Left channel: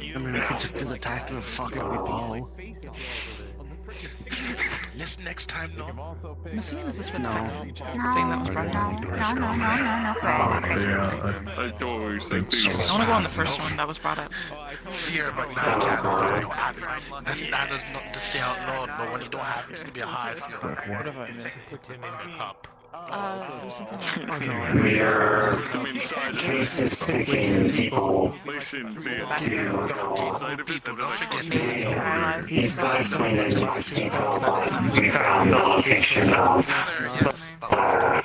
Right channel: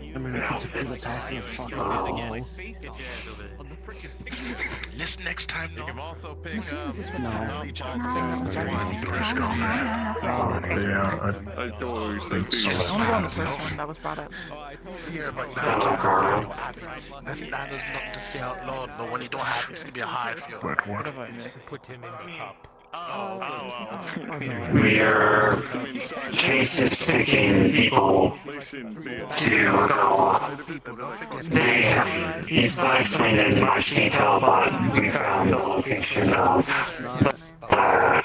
I mean, we could just do the talking and fucking Paul. This next time, no. I'm assuming this is for the second thing that's No, I totally said It's only on the first one that was brought up. Fear, but now the man is not to say out loud, but when you don't have it, it's gonna be a high fear. What have I missed? Put him in the cup. We are case-taking people to go. It's not explained in much detail, but we found the location of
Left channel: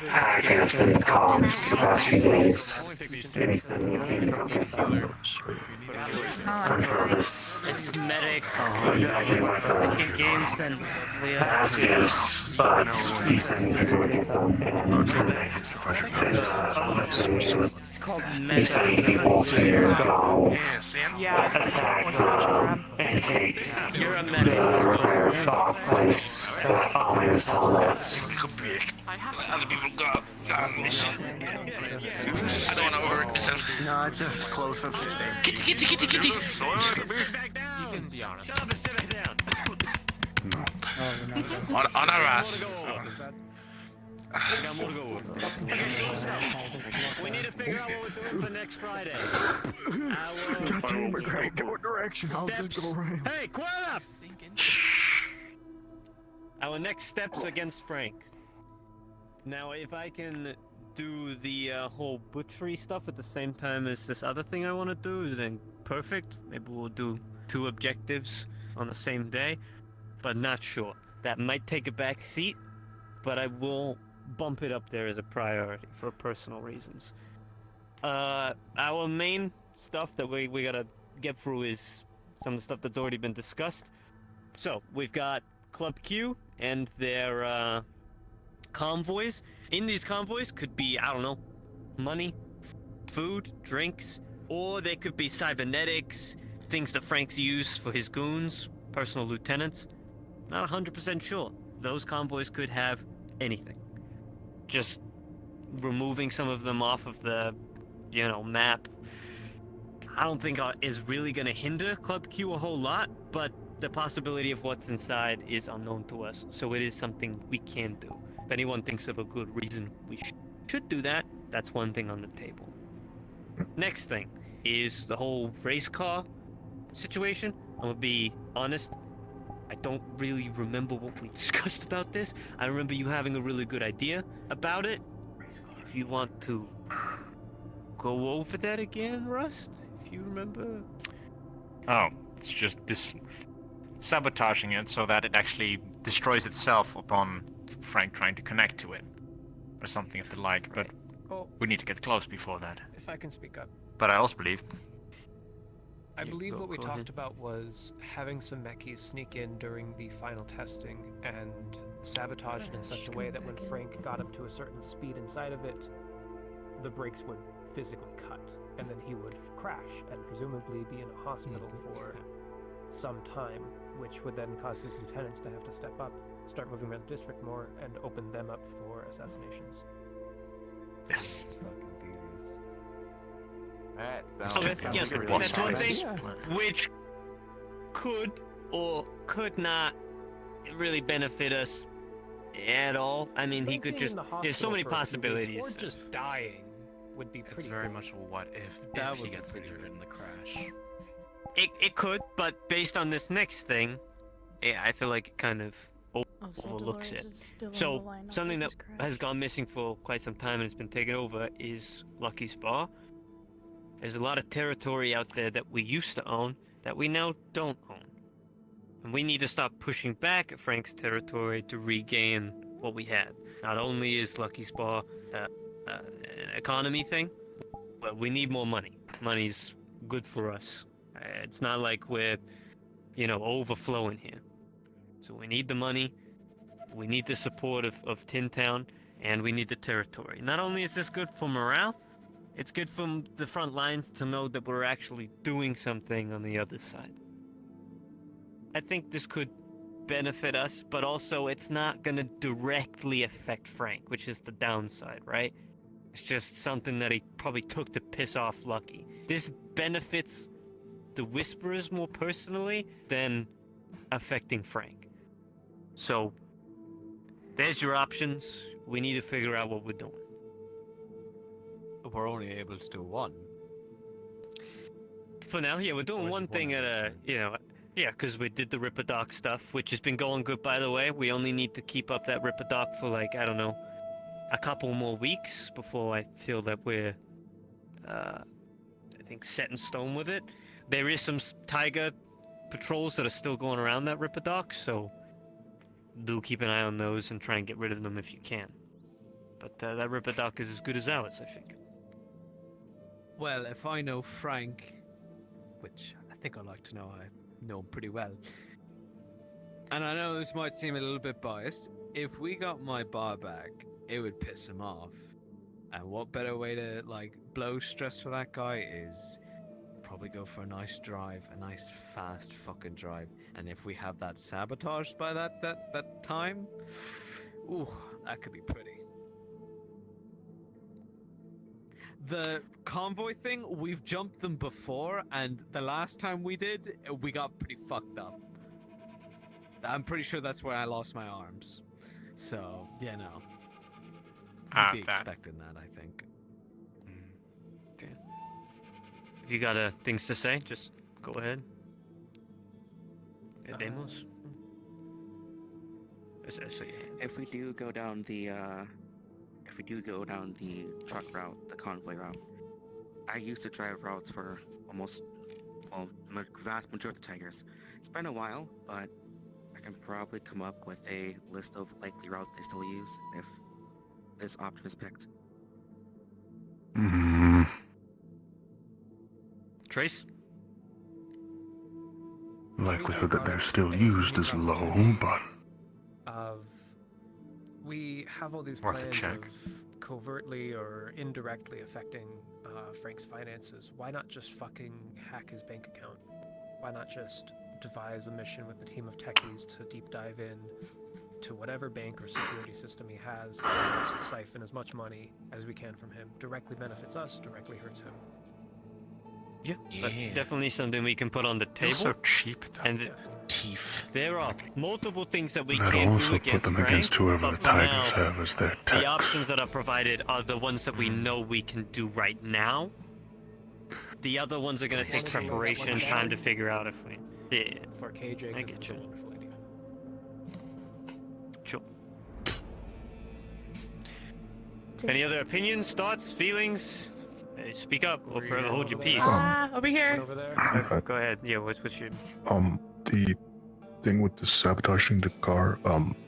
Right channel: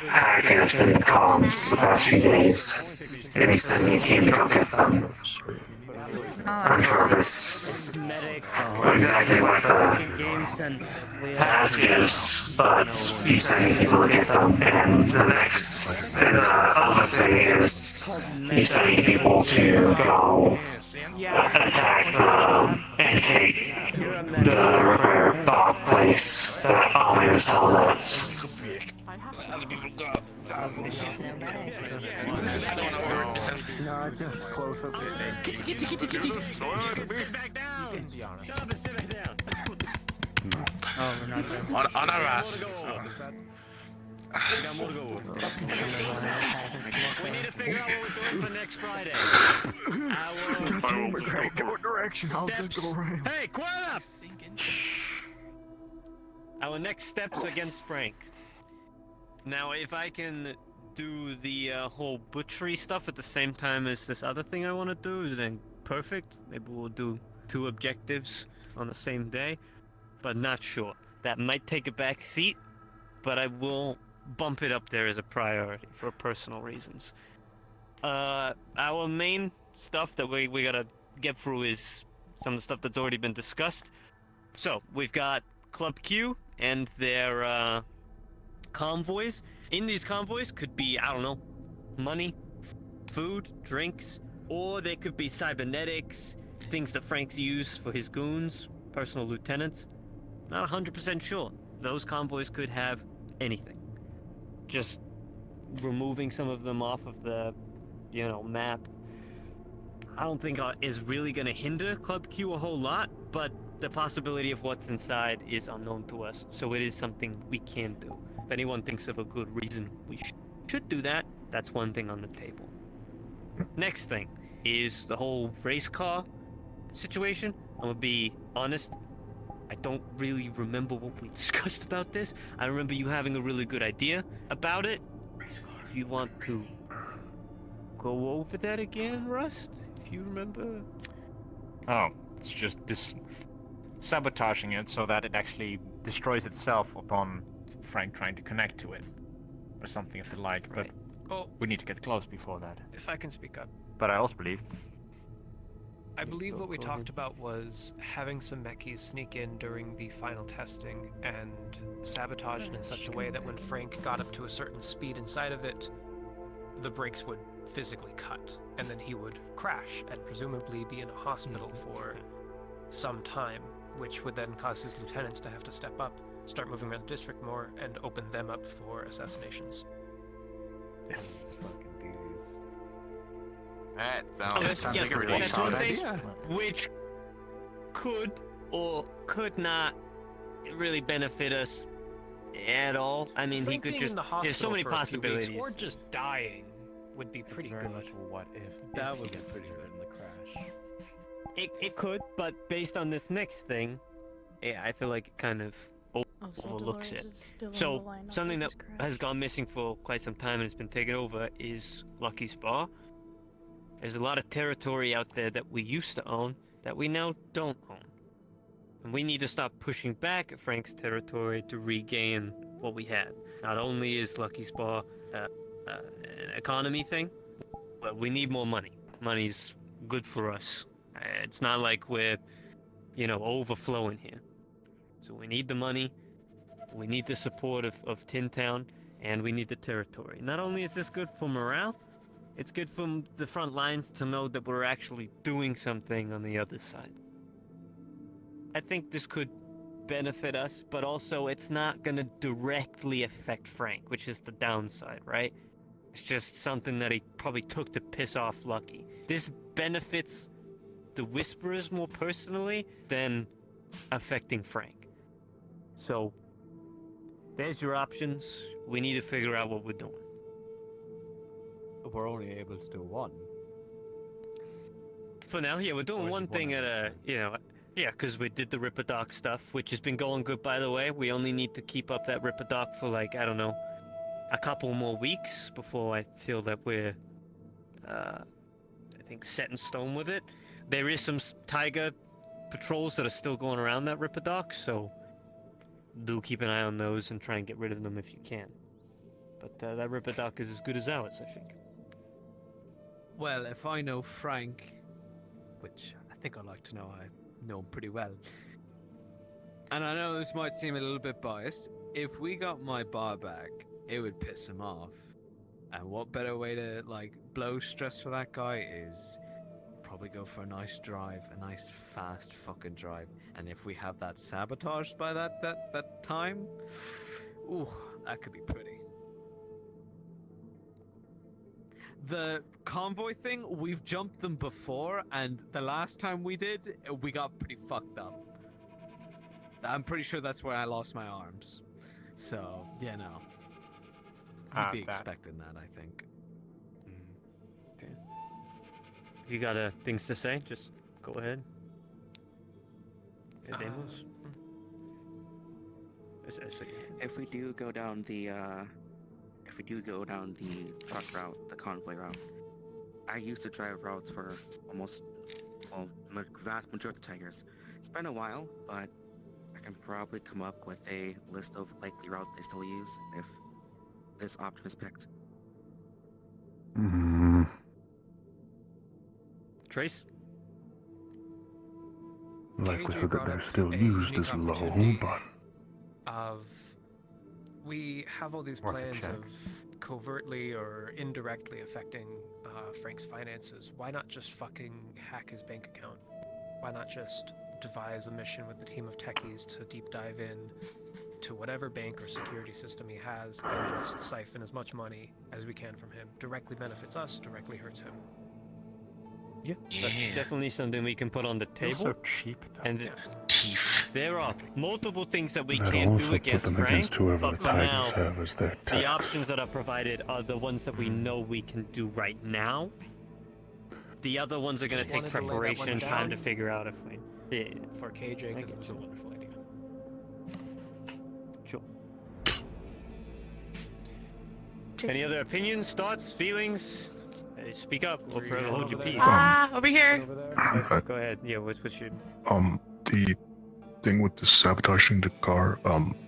hackers and the comms the past few days. Maybe send me a team to go get them. I'm sure this exactly what the task is, but he's sending people to get them, and the other thing is he's sending people to go attack and take the repair dog place that Ollie was telling us. No, just close up. Kitty. Back down. Shut up and sit down. On our ass. We need to figure out what we're doing for next Friday. God damn it, Greg. What direction? I'll just go around. Hey, quiet up! Our next steps against Frank. Now, if I can do the whole butchery stuff at the same time as this other thing I want to do, then perfect. Maybe we'll do 2 objectives on the same day, but not sure. That might take a back seat, but I will bump it up there as a priority for personal reasons. Our main stuff that we gotta get through is some of the stuff that's already been discussed. So, we've got Club Q and their convoys. In these convoys could be, I don't know, money, food, drinks, or they could be cybernetics, things that Frank's used for his goons, personal lieutenants. Not 100% sure. Those convoys could have anything. Just removing some of them off of the, map, I don't think is really going to hinder Club Q a whole lot, but the possibility of what's inside is unknown to us, so it is something we can do. If anyone thinks of a good reason we should do that, that's one thing on the table. Next thing is the whole race car situation. I'm gonna be honest, I don't really remember what we discussed about this. I remember you having a really good idea about it. If you want to go over that again, Rust, if you remember. Oh, it's just this sabotaging it so that it actually destroys itself upon Frank trying to connect to it, or something of the like. Right. But we need to get close before that. If I can speak up. But I also believe. I believe what we go talked ahead. about was having some mechis sneak in during the final testing and sabotage it in such a way that when Frank got up to a certain speed inside of it, the brakes would physically cut, and then he would crash and presumably be in a hospital for some time, which would then cause his lieutenants to have to step up, start moving around the district more, and open them up for assassinations. Yes. That's one thing which could or could not really benefit us at all. I mean, he could just. There's so many possibilities. Or just dying would be pretty It's very cool. much a what if That would he be gets pretty injured good. in the crash. It could, but based on this next thing, yeah, I feel like it kind of overlooks it. So something that has gone missing for quite some time and has been taken over is Lucky Spa. There's a lot of territory out there that we used to own that we now don't own. And we need to stop pushing back at Frank's territory to regain what we had. Not only is Lucky Spa an economy thing, but we need more money. Money's good for us. It's not like we're, overflowing here. So we need the money, we need the support of Tin Town, and we need the territory. Not only is this good for morale, it's good for the front lines to know that we're actually doing something on the other side. I think this could benefit us, but also it's not going to directly affect Frank, which is the downside, right? It's just something that he probably took to piss off Lucky. This benefits the Whisperers more personally than affecting Frank. So, there's your options. We need to figure out what we're doing. We're only able to do one. For now, yeah, we're doing Or is one it one thing at at a a, time? you know, yeah, because we did the Ripperdoc stuff, which has been going good, by the way. We only need to keep up that Ripperdoc for, like, I don't know, a couple more weeks before I feel that we're, I think, set in stone with it. There is some Tiger patrols that are still going around that Ripperdoc, so do keep an eye on those and try and get rid of them if you can. But that Ripperdoc is as good as ours, I think. Well, if I know Frank, which I think I'd like to know, I know him pretty well. And I know this might seem a little bit biased. If we got my bar back, it would piss him off. And what better way to, like, blow stress for that guy is probably go for a nice drive, a nice fast fucking drive. And if we have that sabotaged by that time, ooh, that could be pretty. The convoy thing, we've jumped them before, and the last time we did, we got pretty fucked up. I'm pretty sure that's where I lost my arms. So, yeah, no. You'd be expecting that, I think. Okay. If you got things to say, just go ahead. Yeah, Demos? If we do go down the truck route, the convoy route, I used to drive routes for almost, vast majority of the Tigers. It's been a while, but I can probably come up with a list of likely routes they still use if this option is picked. Trace? Likelihood that they're still used is low, but We have all these Worth a plans check. of covertly or indirectly affecting Frank's finances. Why not just fucking hack his bank account? Why not just devise a mission with the team of techies to deep dive in to whatever bank or security system he has and siphon as much money as we can from him? Directly benefits us, directly hurts him. Yeah, that's definitely something we can put on the table. So cheap, though. And Teeth. there are multiple things that we that can't do also put against them Frank, against whoever but the for now, Tigers have as their the tech. options that are provided are the ones that we know we can do right now. The other ones are going to take preparation and time to figure out if we... Yeah, For KJ, I because get it's a you. wonderful idea. Sure. Any other opinions, thoughts, feelings? Hey, speak up or forever hold your peace. Over here. Over there. Go ahead. Yeah, what's your... The thing with the sabotaging the car,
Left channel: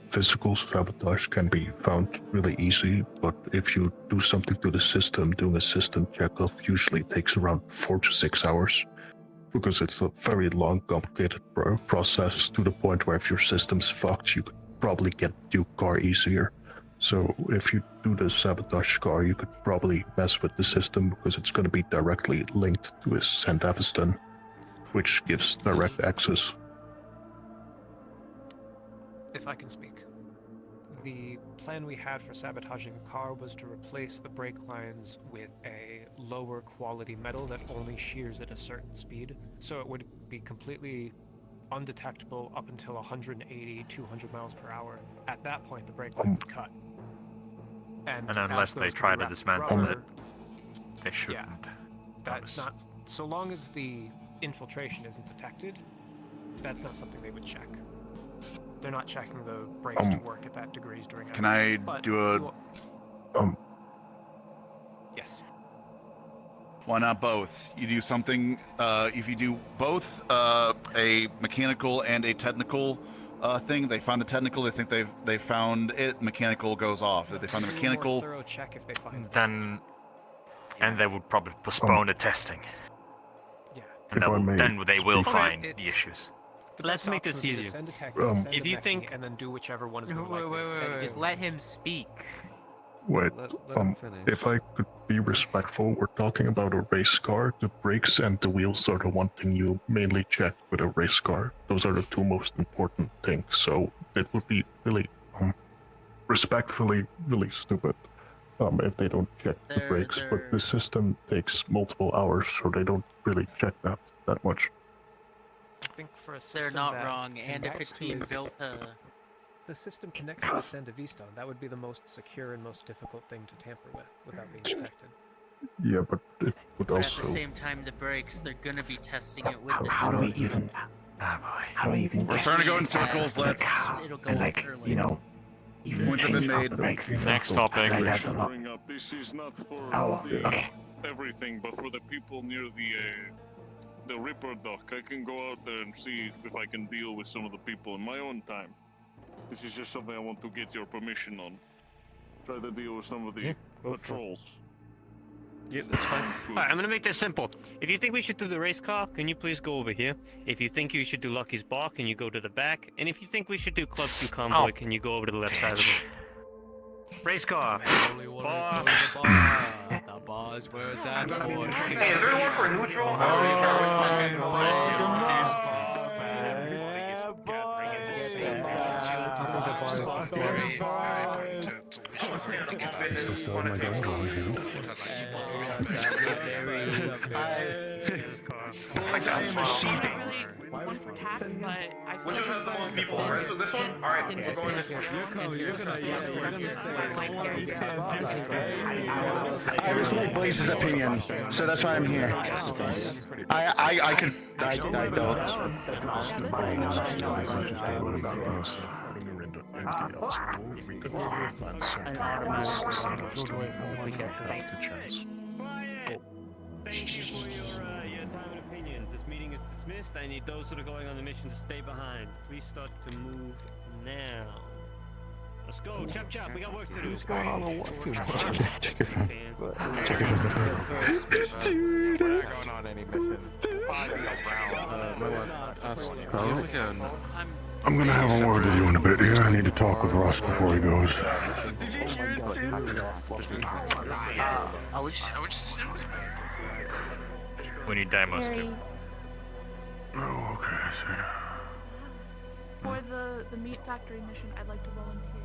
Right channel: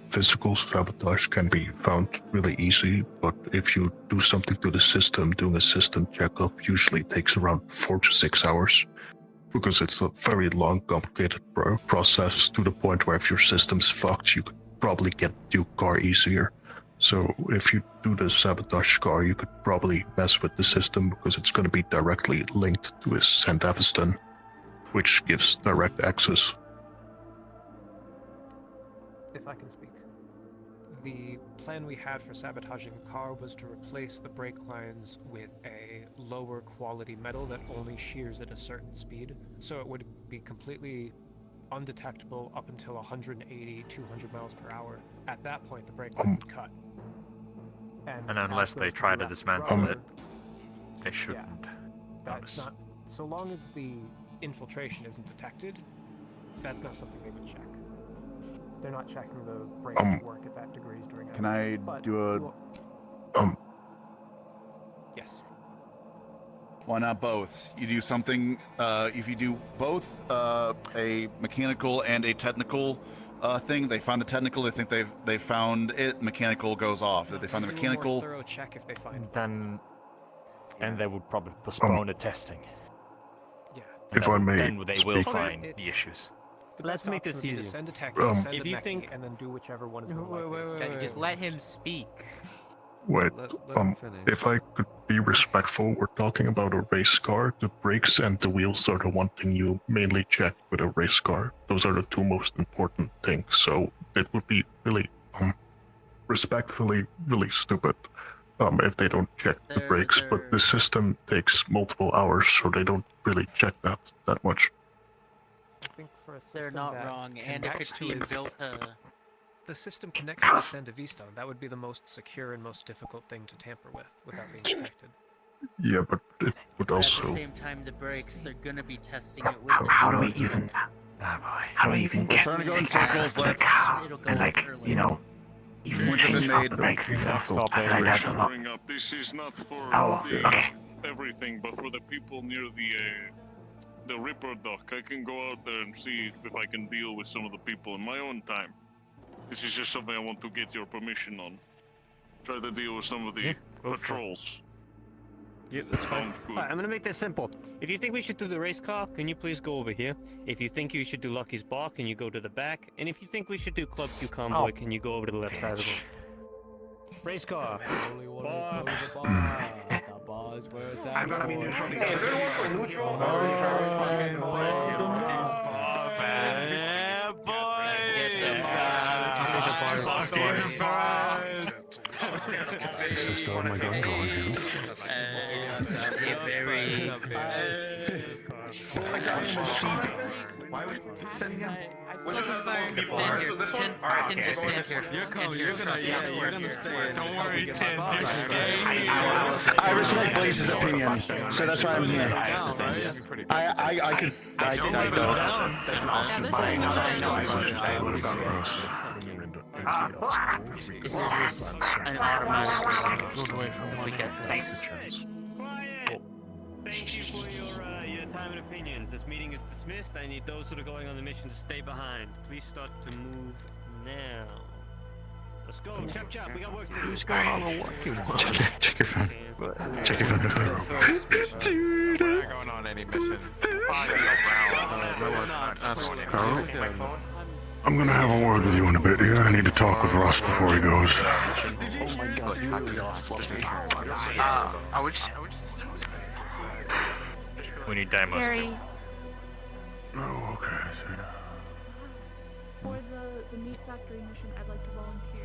physical sabotage can be found really easy, but if you do something to the system, doing a system checkup usually takes around 4 to 6 hours, because it's a very long, complicated process to the point where if your system's fucked, you could probably get your car easier. So if you do the sabotage car, you could probably mess with the system because it's going to be directly linked to his St. Aviston, which gives direct access. If I can speak. The plan we had for sabotaging the car was to replace the brake lines with a lower quality metal that only shears at a certain speed, so it would be completely undetectable up until 180, 200 miles per hour. At that point, the brake line would cut. And unless they try to dismantle it, they shouldn't That's notice. not, so long as the infiltration isn't detected, that's not something they would check. They're not checking the brakes to work at that degrees during Can I but do yes. Why not both? You do something, if you do both a mechanical and a technical thing, they find the technical, they think they found it, mechanical goes off. If they find the Do a more mechanical, thorough check if they find it. Then, and they would probably postpone the testing. Yeah. If I may Then they will speak. find the issues. The Let's best make this option would be to easier. Send a techie, send If a you techie, think- and then do whichever one is more likely to succeed. Just let him speak. Wait, Let him finish. if I could be respectful, we're talking about a race car. The brakes and the wheels are the one thing you mainly check with a race car. Those are the two most important things. So it would be really, respectfully, really stupid if they don't check the brakes. But the system takes multiple hours, so they don't really check that much. I think for a system They're not that wrong, and if connects it's to being his- built the system connects to the Sand of Eastone, that would be the most secure and most difficult thing to tamper with without being detected. Yeah, but it would but at also. the same time, the brakes, they're gonna be testing it with the How do we system. even? How do we even We're starting to go in circles. Let's. It'll go and up like early. you know, even Points have been change off made. the brakes and Next stuff. topic. Like, that's a lot. Bring up. This is not for Oh, the, okay. everything, but for the people near the Ripper dock. I can go out there and see if I can deal with some of the people in my own time. This is just something I want to get your permission on. Try to deal with some of the patrols. Yeah, that's fine. Good. Alright, I'm gonna make this simple. If you think we should do the race car, can you please go over here? If you think you should do Lucky's bar, can you go to the back? And if you think we should do Club 2 convoy, Oh. can you go over to the left side of the room? Race car. Only one Bar. the bar is where it's at. Hey, boy. is there room for neutral? Which one has the most people? Right, so this one? Alright, we're going this one. Don't worry, Tim. I respect Blaze's opinion, so that's why I'm here. I can. I don't. This is just an automatic if we get this. Quiet! Thank you for your time and opinions. This meeting is dismissed. I need those who are going on the mission to stay behind. Please start to move now. Let's go, chop chop. We got work to do. Check your phone. Check your phone. Dude. We're not going on any missions. I'm gonna have a word with you in a bit here. I need to talk with Russ before he goes. We need Daimos. Oh, okay. I see. For the meat factory mission, I'd like to volunteer,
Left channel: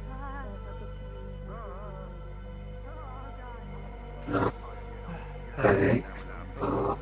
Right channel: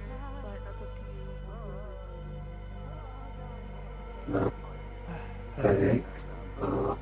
but that's up to you.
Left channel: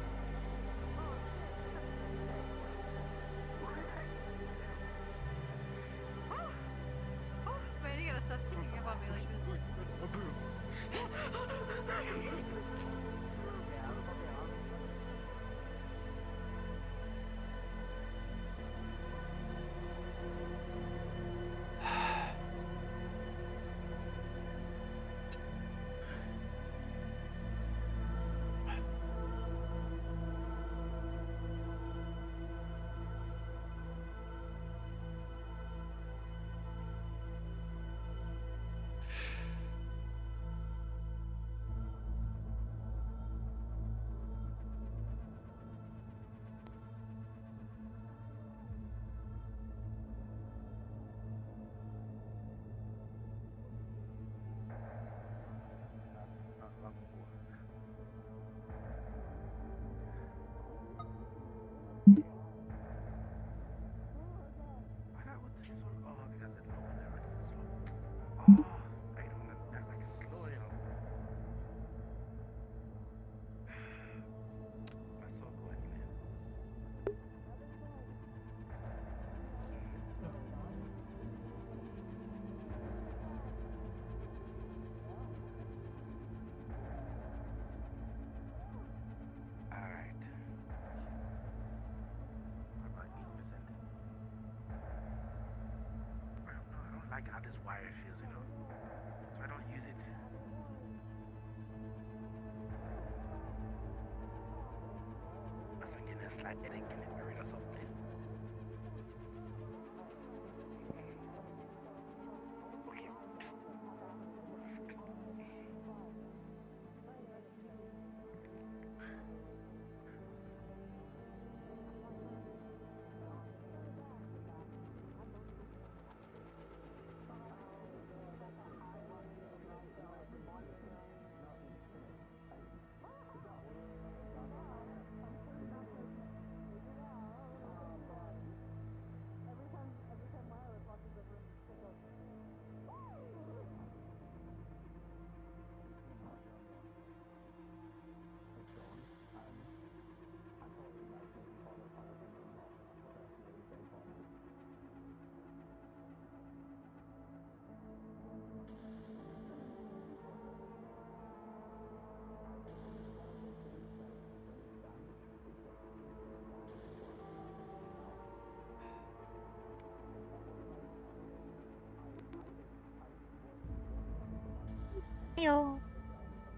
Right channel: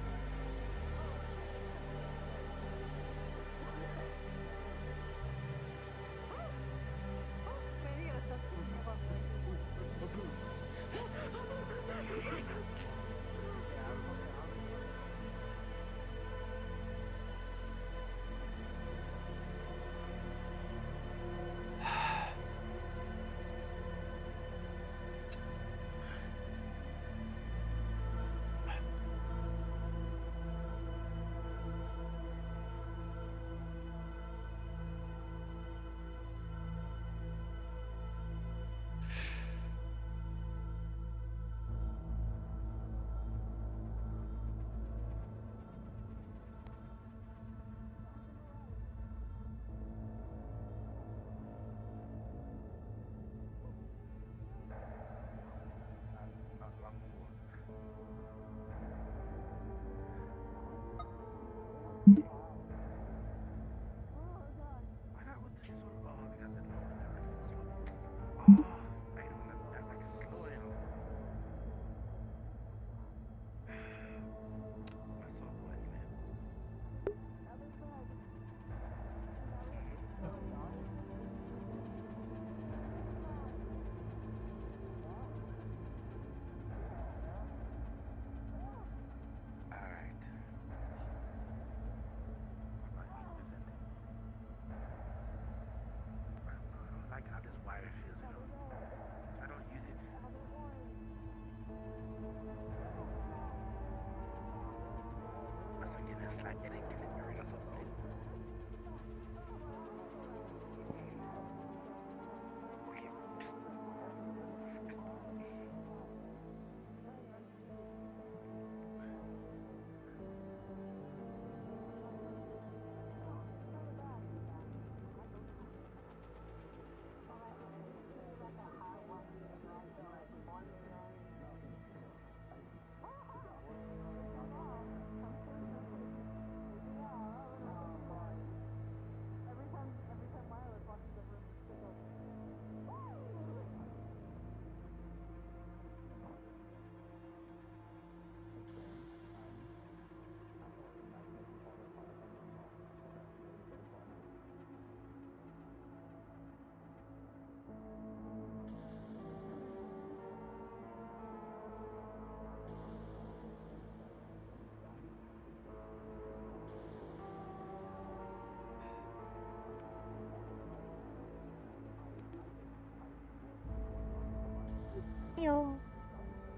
Hello.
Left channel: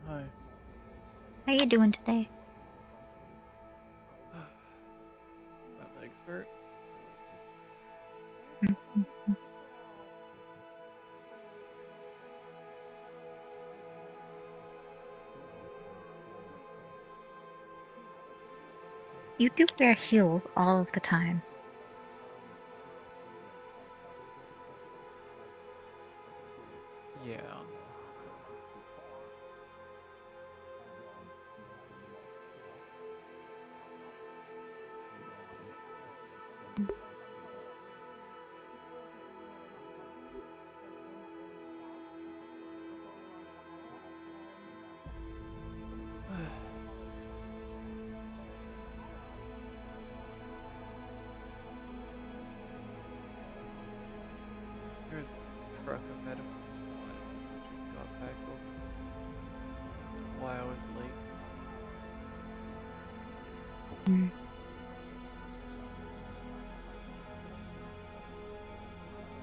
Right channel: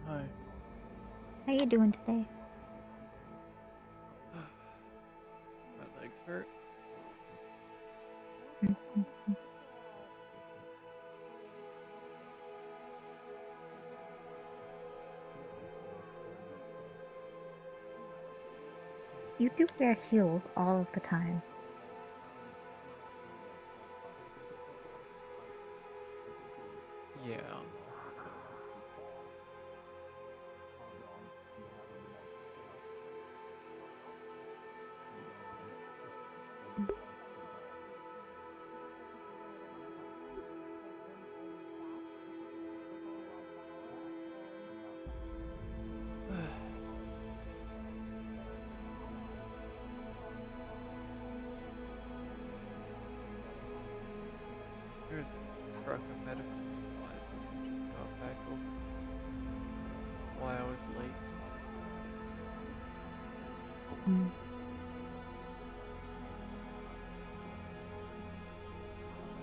Hi. How you doing today? My legs hurt. You do wear heels all of the time. Yeah. There's a truck of medical supplies that we just got back over. Why I was late.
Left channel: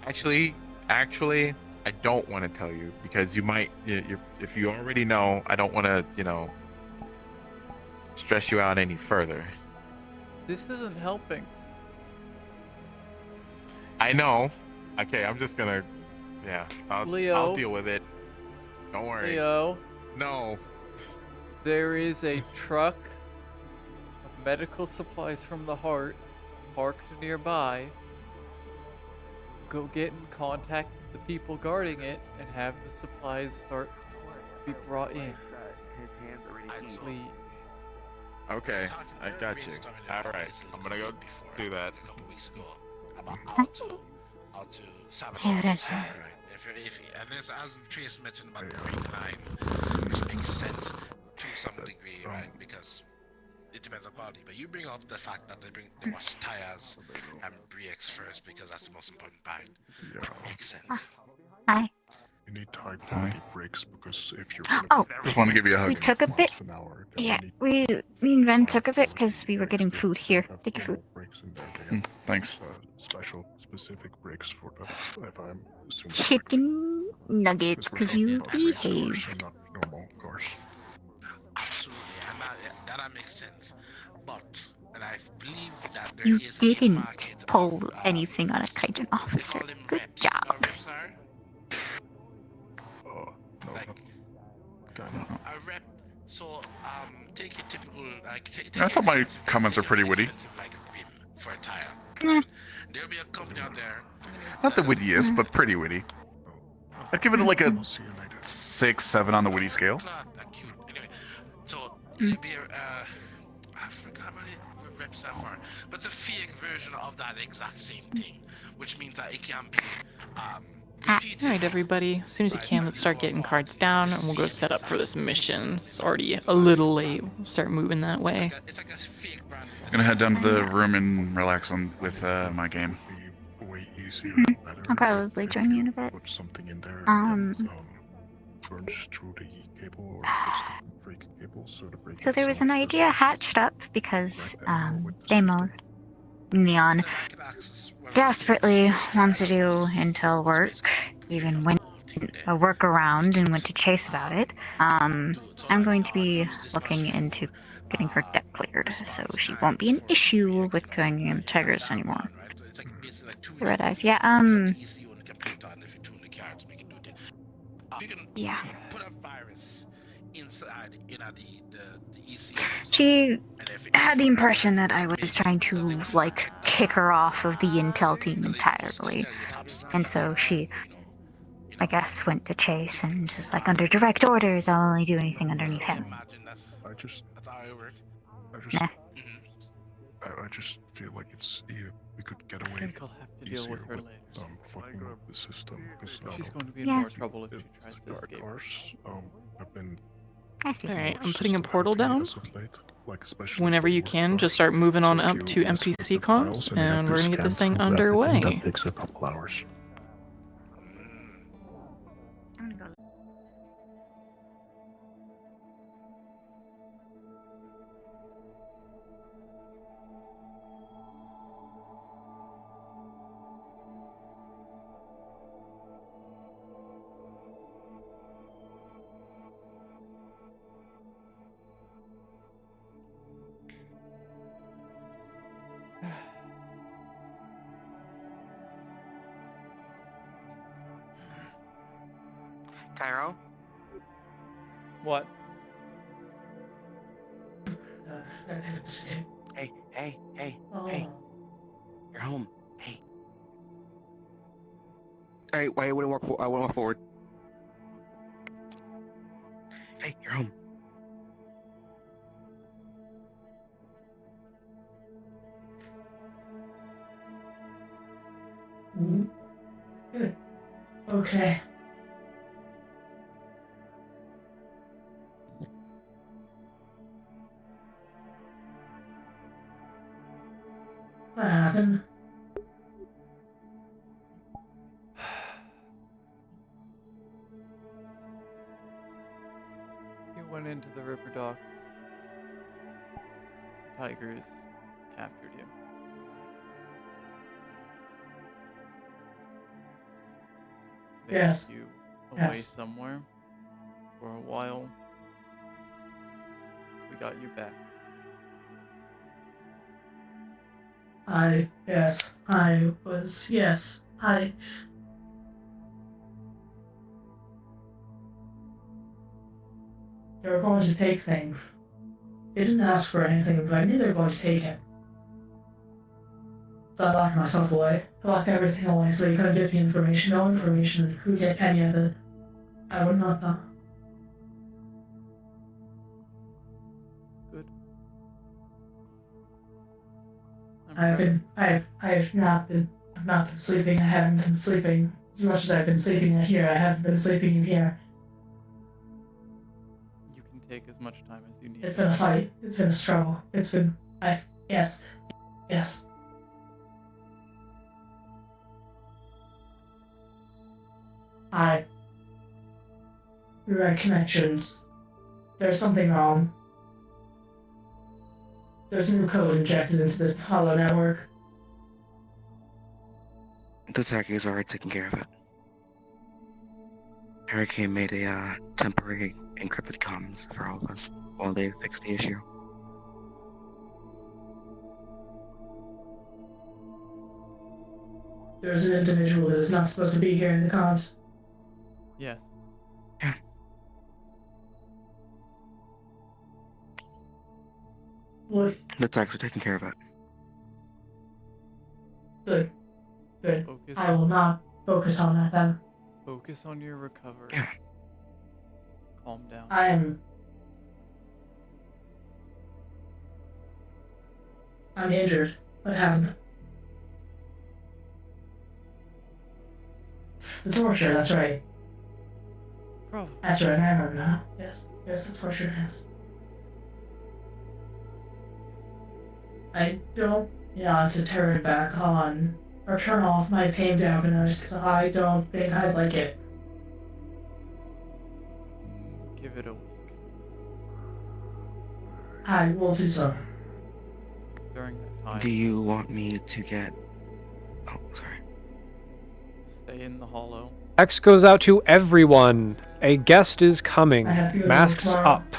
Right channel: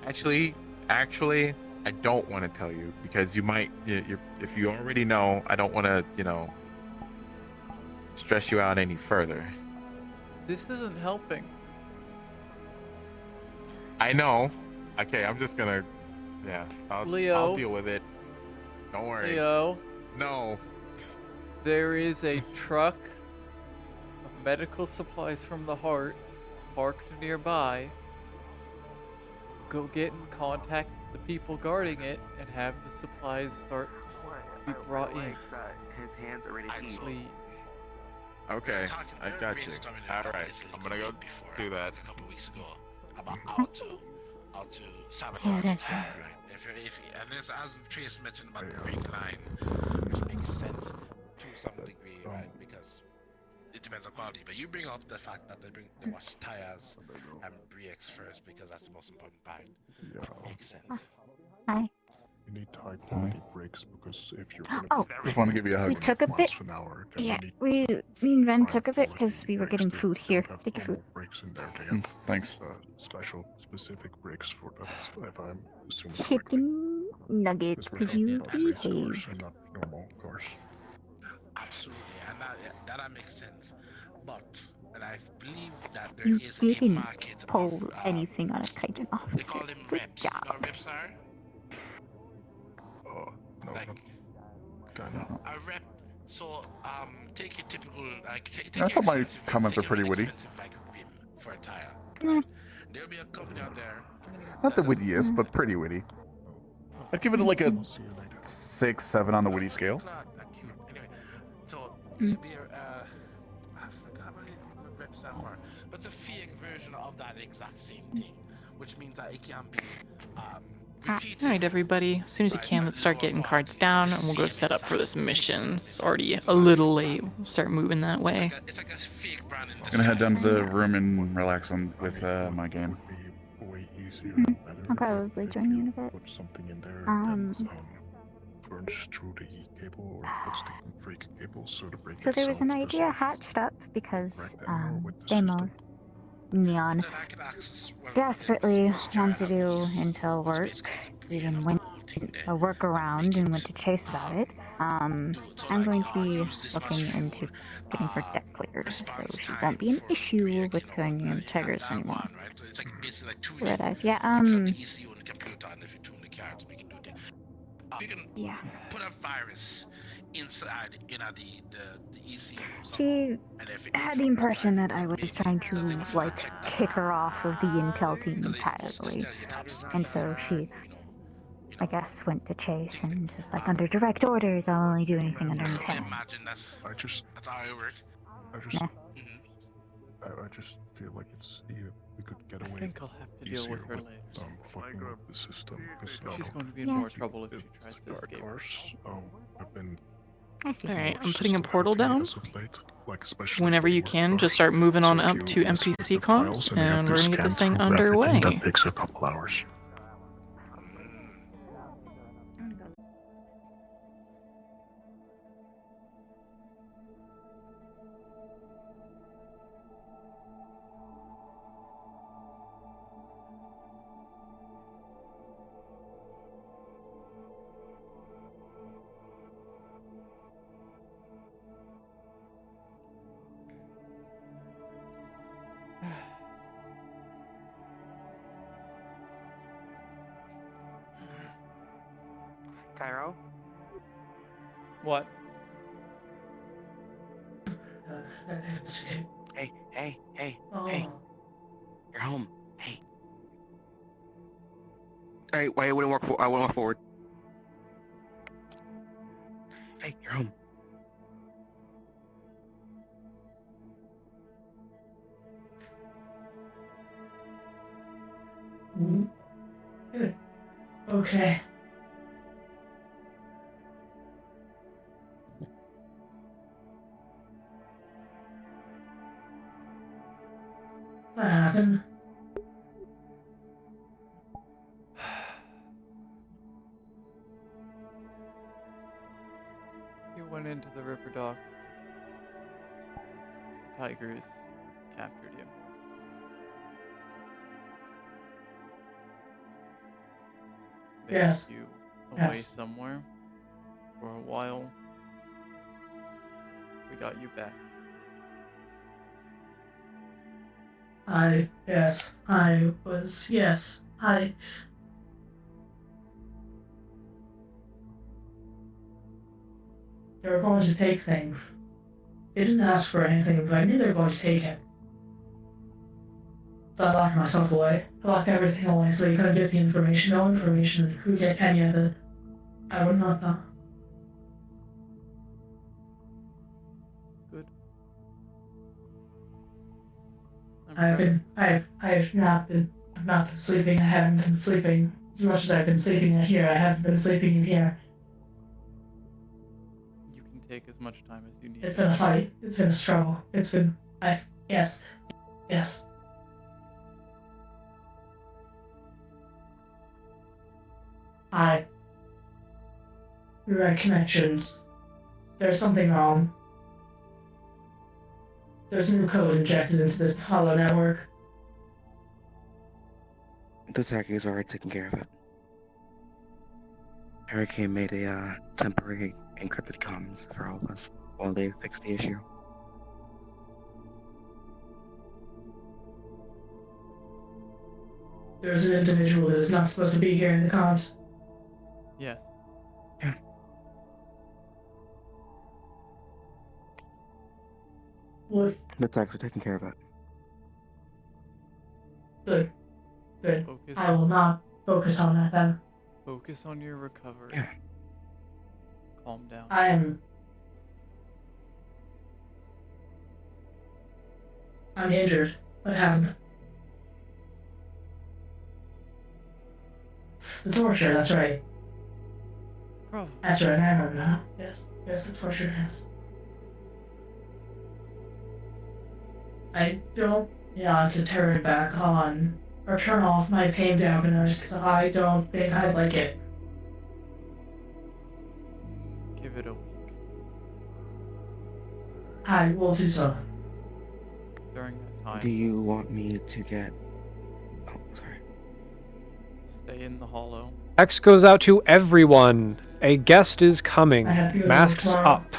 Actually, I don't want to tell you because you might, if you already know, I don't want to, stress you out any further. This isn't helping. I know. Okay, I'm just gonna, I'll Leo. deal with it. Don't worry. Leo. No. There is a truck of medical supplies from the heart parked nearby. Go get in contact with the people guarding it and have the supplies start to be brought in. Please. Okay, I got you. All right, I'm gonna go do that. A couple weeks ago about how to sabotage. Right. And this, as Trace mentioned about the brake line, which makes sense to some degree, right? Because it depends on quality. But you bring up the fact that they wash tires and brakes first because that's the most important part. Makes sense. Hi. You need high quality brakes because if you're Oh, just want to give you a hug. We took a bit. Yeah, me and Ren took a bit because we were getting food here. Take your food. Brakes and everything. Thanks. Special, specific brakes for the, if I'm assuming Chicken nuggets, because you behaved. not normal cars. Absolutely, and that makes sense. But, and I believe that there You is a didn't market pull of, anything on a Kaijin they officer. call them Good reps. job. You know what reps are? No, Like, kind of. a rep. So, take a typical, like, take I thought my comments are pretty witty. like rim for a tire. There'll be a company out there. Not the wittiest, but pretty witty. I'd give it like a 6, 7 on the witty scale. Anyway, so it'll be I forgot what reps are for, but it's a fake version of that exact same thing, which means that it can be Alright, everybody. As soon as you can, let's start getting cards down, and we'll go set up for this mission. It's already a little late. We'll start moving that way. I'm gonna head down to the room and relax with my game. Way easier, better. I'll probably join you in a bit. Put something in there Um, burns through the E cable or fix the brake cable so the brake So there was an idea hatched up because Deimos, Neon, desperately wants to do intel work, even went a workaround and went to Chase about it. I'm going to be looking into getting her debt cleared, so she won't be an issue with going in Tigers anymore. The red eyes, yeah, yeah. Put a virus inside, the ECU. She had the impression that I was trying to, like, kick her off of the intel team entirely. And so she, I guess, went to Chase and was just like, under direct orders, I'll only do anything underneath him. I just Nah. I just feel like we could get away. I think I'll have to deal with her later. Fucking up the system because She's going to be in more trouble if she tries to escape. Cars, have been. Alright, I'm putting a portal down. As of late, like especially Whenever you can, just start moving on up to NPC comms, and we're gonna get this thing underway. That takes a couple hours. Cairo? What? Hey, hey, hey, Oh. hey. You're home. Hey. Hey, why you wouldn't walk I wouldn't walk forward. Hey, you're home. Mm. Good. Okay. What happened? You went into the river dock. The tigers captured you. They Yes. took you away Yes. somewhere for a while. We got you back. Yes, they were going to take things. They didn't ask for anything, but I knew they were going to take it. So I locked myself away. I locked everything away so you couldn't get the information. No information who get any of it. I would not know. Good. I've not been sleeping. I haven't been sleeping as much as I've been sleeping in here. I haven't been sleeping in here. You can take as much time as you need. It's been a fight. It's been a struggle. Yes. You're right, connections. There's something wrong. There's new code injected into this hollow network. The Tigers already taking care of it. Hurricane made a temporary encrypted comms for all of us while they fix the issue. There's an individual that is not supposed to be here in the comms. Yes. What? The Tigers are taking care of it. Good. Focus. I will not focus on that then. Focus on your recovery. Calm down. I'm injured. What happened? The torture, that's right. Probably. That's right, I remember now. Yes, the torture has. I don't want to turn it back on or turn off my pain dampeners because I don't think I'd like it. Give it a week. I will do so. During that time. Do you want me to get... Oh, sorry. Stay in the hollow. X goes out to everyone. A guest is coming. I have to go Masks tomorrow. up.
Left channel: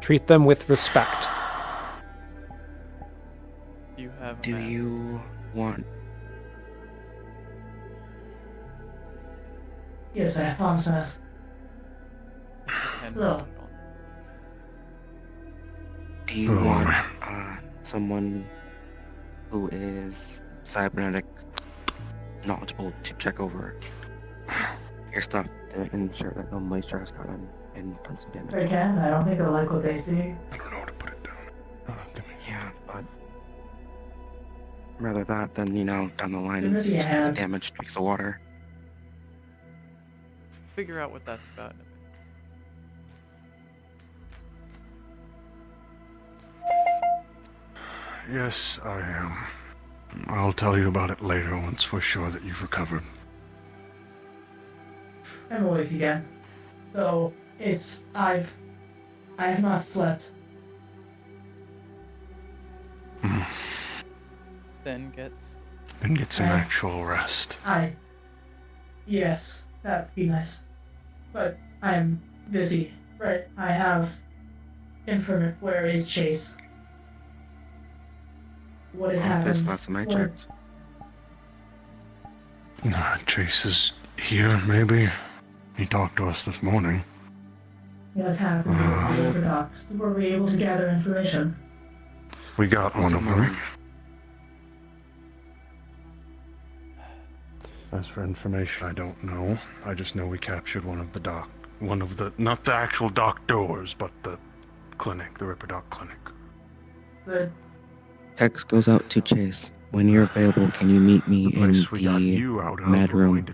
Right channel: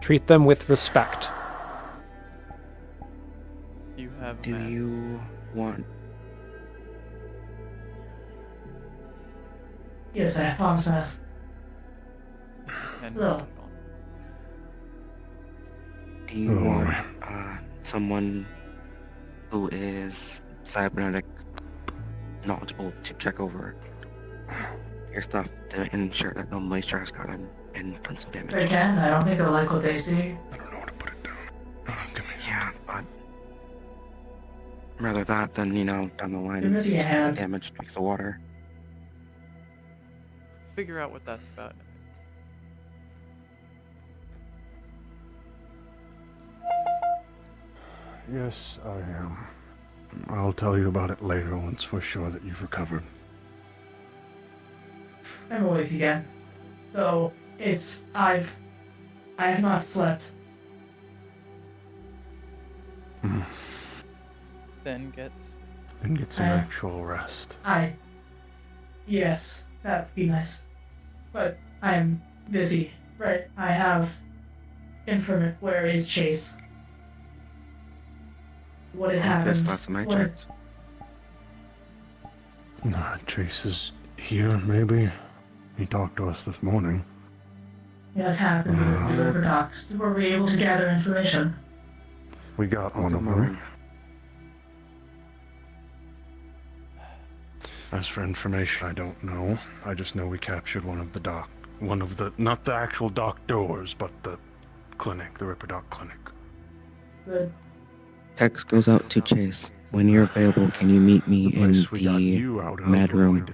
Treat them with respect. You have a Do mask. you want... Yes, I have on mask. And Hello. Do you want someone who is cybernetic knowledgeable to check over your stuff to ensure that no moisture has gotten and done some damage? Again, I don't think they'll like what they see. Yeah, but rather that than, down the line You're missing a it's hand. damaged because of water. Figure out what that's about in a minute. Yes, I am. I'll tell you about it later once we're sure that you've recovered. I'm awake again. Though, I have not slept. Then get some actual rest. Yes, that'd be nice. But I am busy, right? I have informant. Where is Chase? What is happening? Last time I What- checked. Chase is here, maybe. He talked to us this morning. What happened with the Ripper Docs? Were we able to gather information? We got one of them. As for information, I don't know. I just know we captured not the actual doctors, but the clinic, the Ripper Doc clinic. Good. Text goes out to Chase. When you're available, can you meet me in the mad room?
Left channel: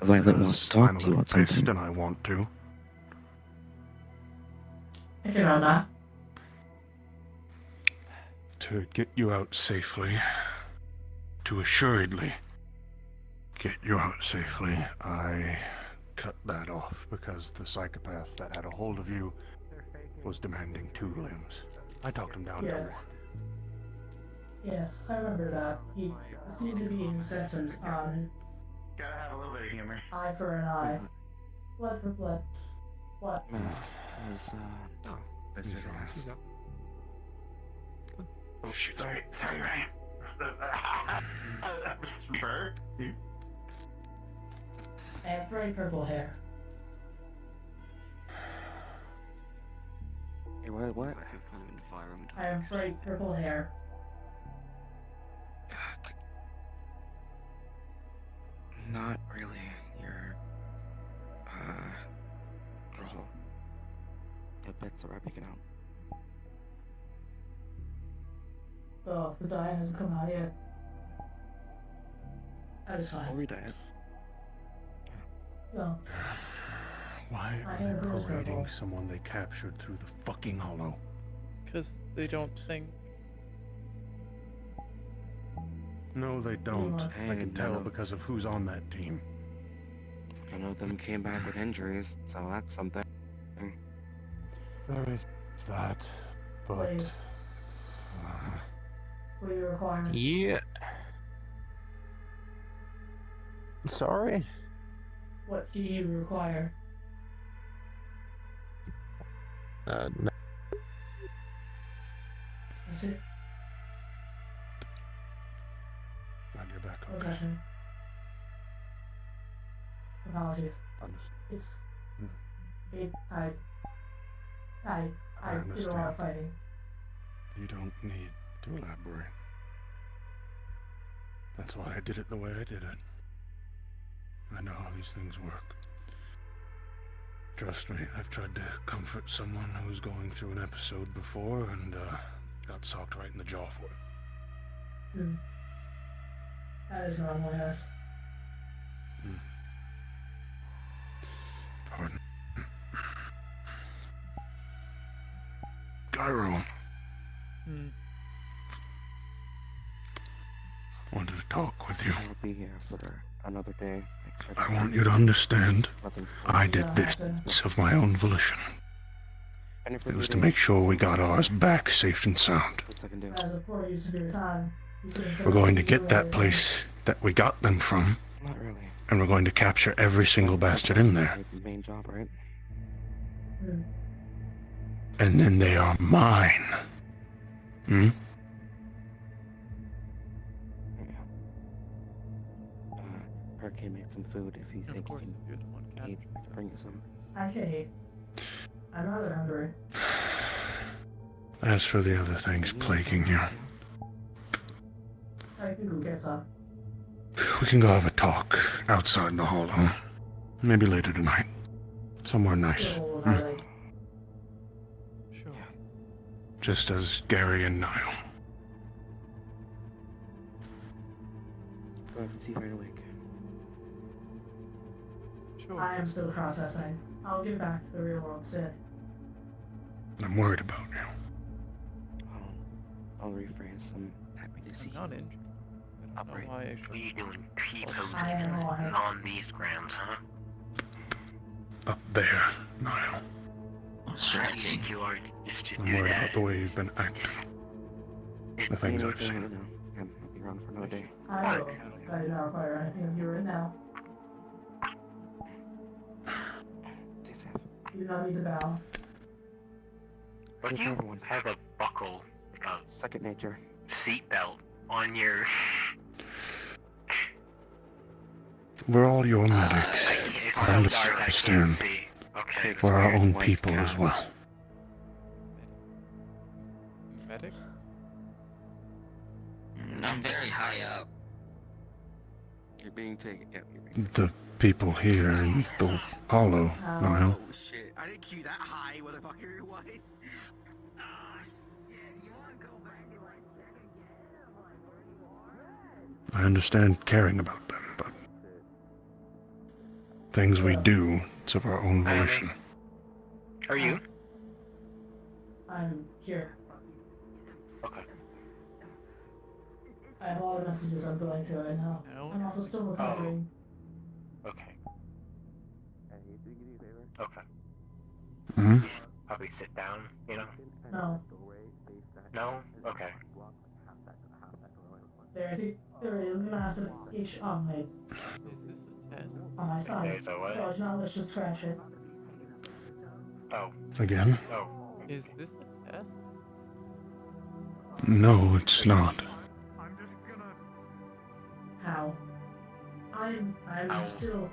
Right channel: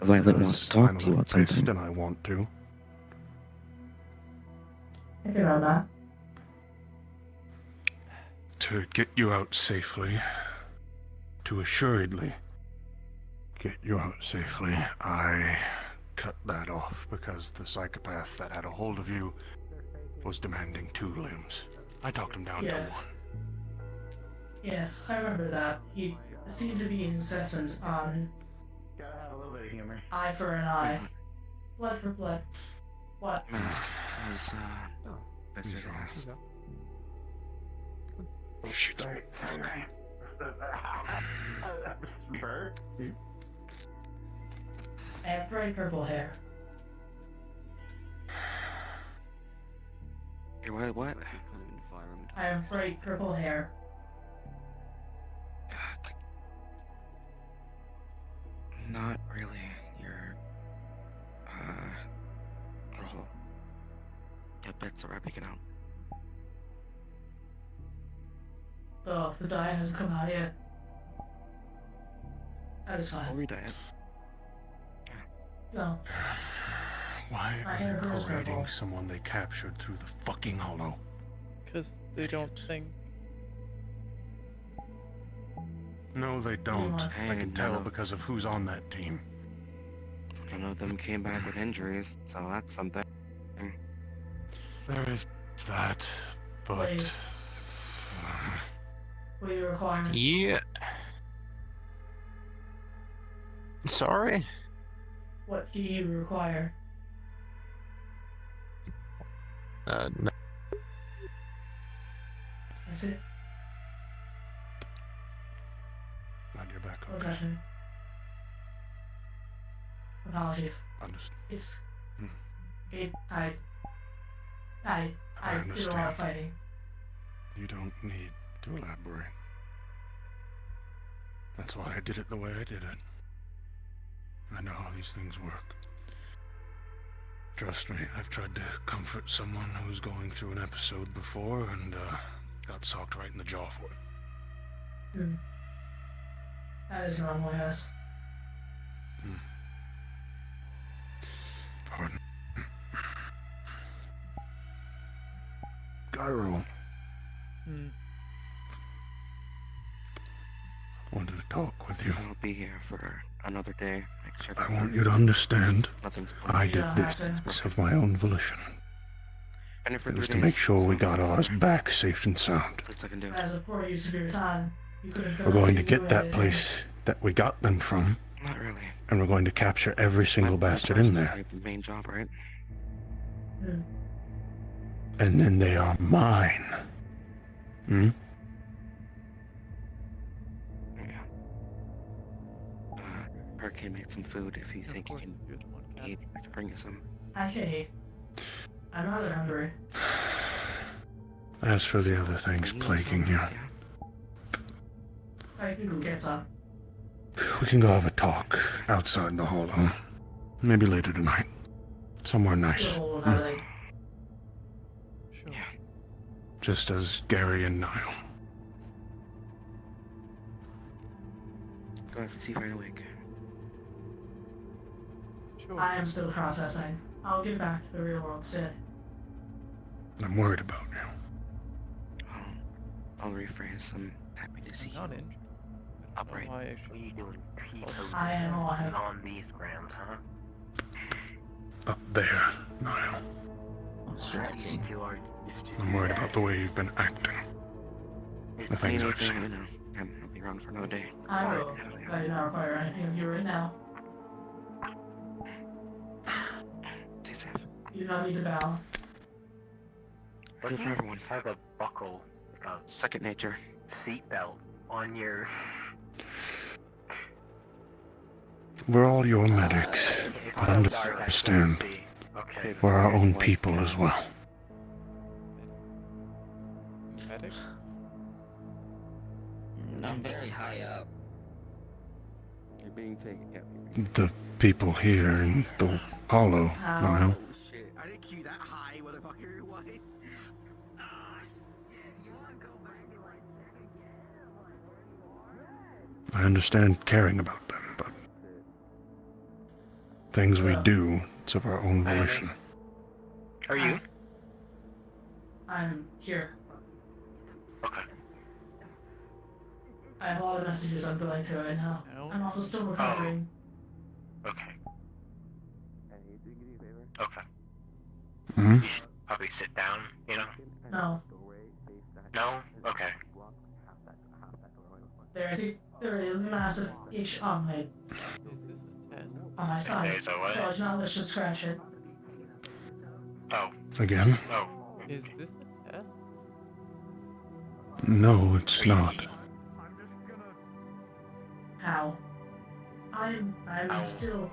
Violet wants to talk to you about something. And I want to. If you're on that. To get you out safely, to assuredly get you out safely, I cut that off because the psychopath that had a hold of you was demanding 2 limbs. I talked him down to 1. Yes, I remember that. He seemed to be incessant on Gotta have a little bit of humor. eye for an eye. Blood for blood. What? Mask, because, that's it. Oh shit. Sorry, Ryan. Bert? I have bright purple hair. What? I have bright purple hair. Not really. You're, your bits are rubbing it out. Oh, the dye hasn't come out yet. That is fine. I'll read that. No. Why are you parading someone they captured through the fucking hollow? Because they don't think. No, they don't. I can tell because of who's on that team. None of them came back with injuries, so that's something. There is that, but... What do you require? Yeah. Sorry? What do you require? No. That's it. Glad you're back, Okay. Apologies. Understood. It's... I understand. did a lot of fighting. You don't need to elaborate. That's why I did it the way I did it. I know how these things work. Trust me, I've tried to comfort someone who was going through an episode before and got socked right in the jaw for it. That is normal, yes. Pardon. Cairo. Wanted to talk with you. I'll be here for another day. Make sure I want you to understand, I did this of my own volition. It was to make sure we got ours back safe and sound. As a poor use of your time, you could have We're going to get that place that we got them from. Not really. And we're going to capture every single bastard in there. The main job, right? And then they are mine. Hurricane made some food. If you think you can eat, I can bring you some. Actually, I'm rather hungry. As for the other things plaguing you, I think we'll get some. we can go have a talk outside the hollow. Maybe later tonight. Somewhere nice. Sure. Just as Gary and Niall. Go have to see right away. Sure. I am still processing. I'll get back to the real world soon. I'm worried about you. I'll rephrase. I'm happy to see I'm not injured. I don't know why I should. What are you doing peeping I am alive. on these grounds, huh? Up there, Niall. I think you are just to I'm do worried that. about the way you've been acting. The things I've anything, seen. I'll be around for another day. I will. I do not require anything of you right now. Stay safe. You don't need to bow. I do for everyone. Have a buckle, Second nature. seatbelt on your. we're all your medics, but understand, we're our own people as well. Medics? I'm very high up. You're being taken. Yeah. The people here in the Hollow, Niall. Oh shit! I didn't keep that high, motherfucker. What? I understand caring about them, but things we do, it's of our own volition. How are you? I'm here. Okay. I have a lot of messages I'm going through right now. I'm also still recovering. Okay. Okay. Hmm? You should probably sit down, you know? No. No? Okay. There's a massive itch on my Is this a test? on my side. There's a what? No, no, let's just scratch it. Oh. Again? Oh. Is this a test? No, it's not. How? I'm still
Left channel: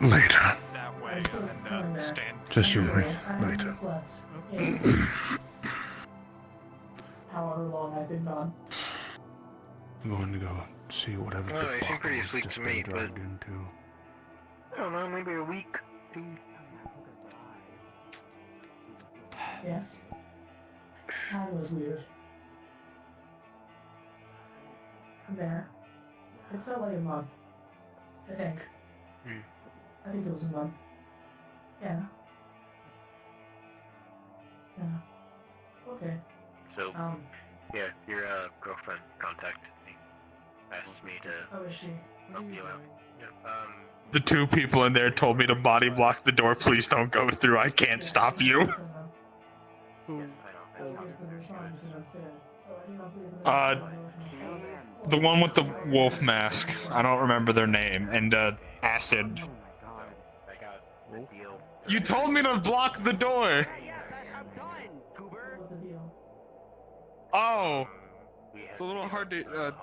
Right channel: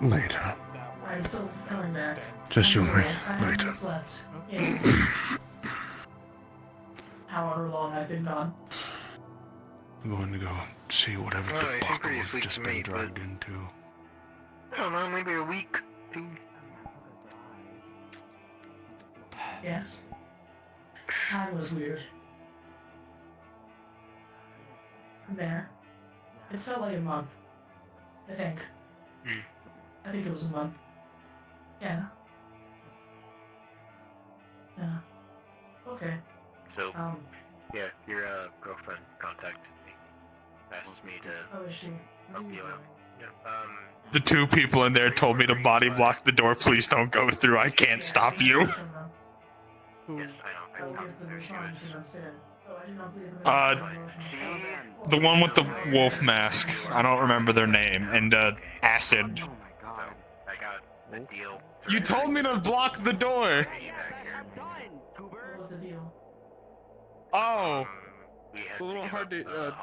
Later. I'm still feeling bad. Just you and me. I haven't Later. slept in however long I've been gone. I'm going to go see whatever Well, I seem pretty debacle asleep we've just to me, been but... dragged into. I don't know, maybe a week, 2. Yes. Time was weird. I'm there. It felt like a month. I think. I think it was a month. Yeah. Yeah. Okay. So, yeah, your girlfriend contacted me. Asked me to How is she? help you out. Yeah, The two people in there told me to body block the door. Please don't go through. I can't stop you. Who? The one with the wolf mask. I don't remember their name. And acid. I got a deal. You told me to block the door. Oh. It's a little hard to.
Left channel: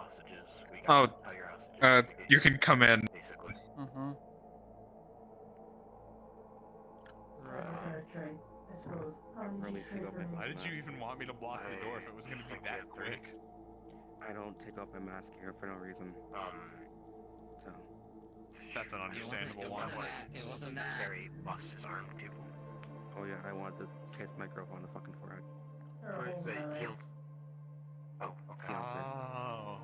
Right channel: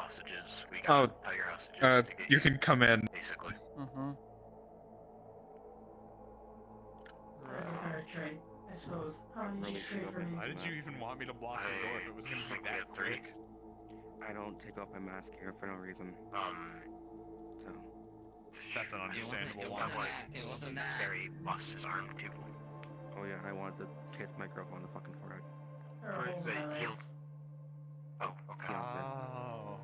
You can come in. Mm-hmm. Why did you even want me to block the door if it was gonna be that quick? I don't take off my mask here for no reason. So. That's an understandable one. It wasn't that. Harry lost his arm too. Oh yeah, I wanted to kiss my girlfriend on the fucking forehead. But he'll... Oh, okay. Oh.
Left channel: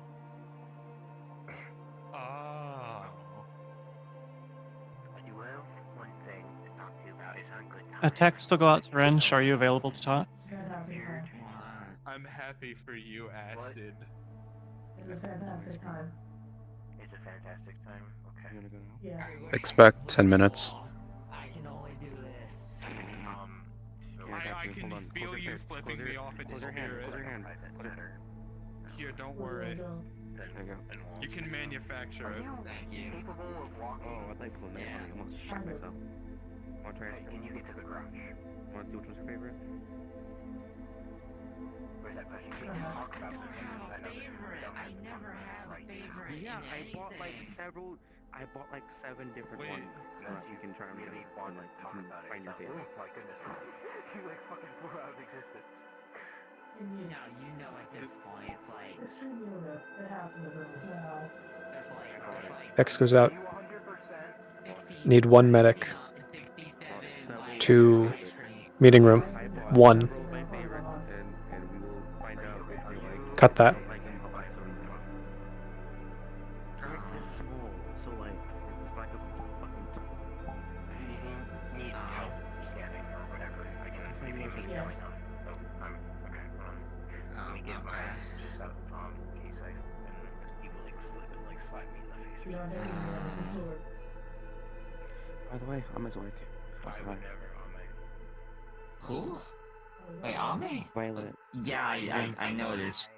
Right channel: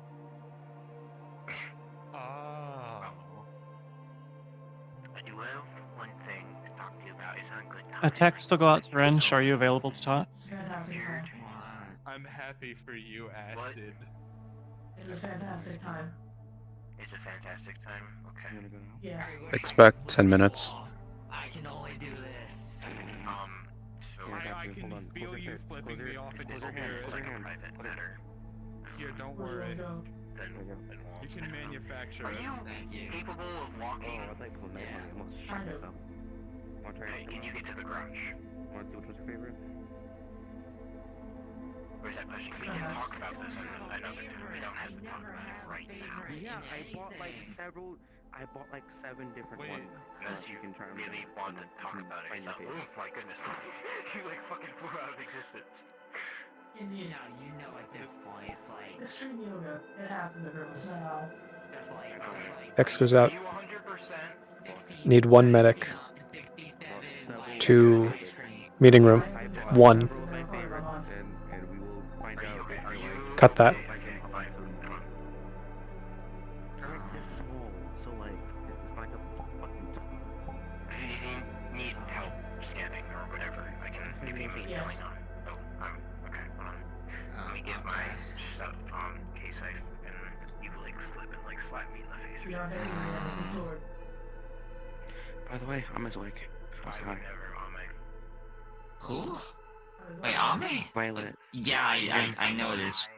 Oh. I do have one thing to talk to you about. It's not good. A text will go out to Wrench. Are you available to talk? I'm happy for you, Acid. It's a fantastic time. It's a fantastic time. Okay. Yes. Expect 10 minutes. I can only do this. So I can feel you flipping me off into spirit. Close your hand. Here, don't worry. You can manufacture it. Thank you. Oh, I thought you pulled a knife on me. I almost shot myself. Wanna try it? Can you get to the garage? Wanna see which one's your favorite? Where's that pushing me? I don't have a favorite. I never have a favorite. Yeah, in I bought like anything. I bought like 7 different ones so that you can try them together and like you can find your favorite. Oh my goodness. You like fucking flew out of existence. You know at this point, it's like... Extreme yoga. It happens every once in a while. There's like... X goes out. Need one medic. To meeting room. 1. And we will find out if you like. Cut that. Like them, I'll buy 7 more. They're like this small, so like it's like a fucking. If you need help standing or whatever, I can give you a Yes. Oh, okay. Let me get my stuff in case I fucking you like slip and like slap me in the face. We don't have any sword. By the way, I'm his wig. I would never on me. Who? Wait, Ami? Violet. Yeah, I noticed.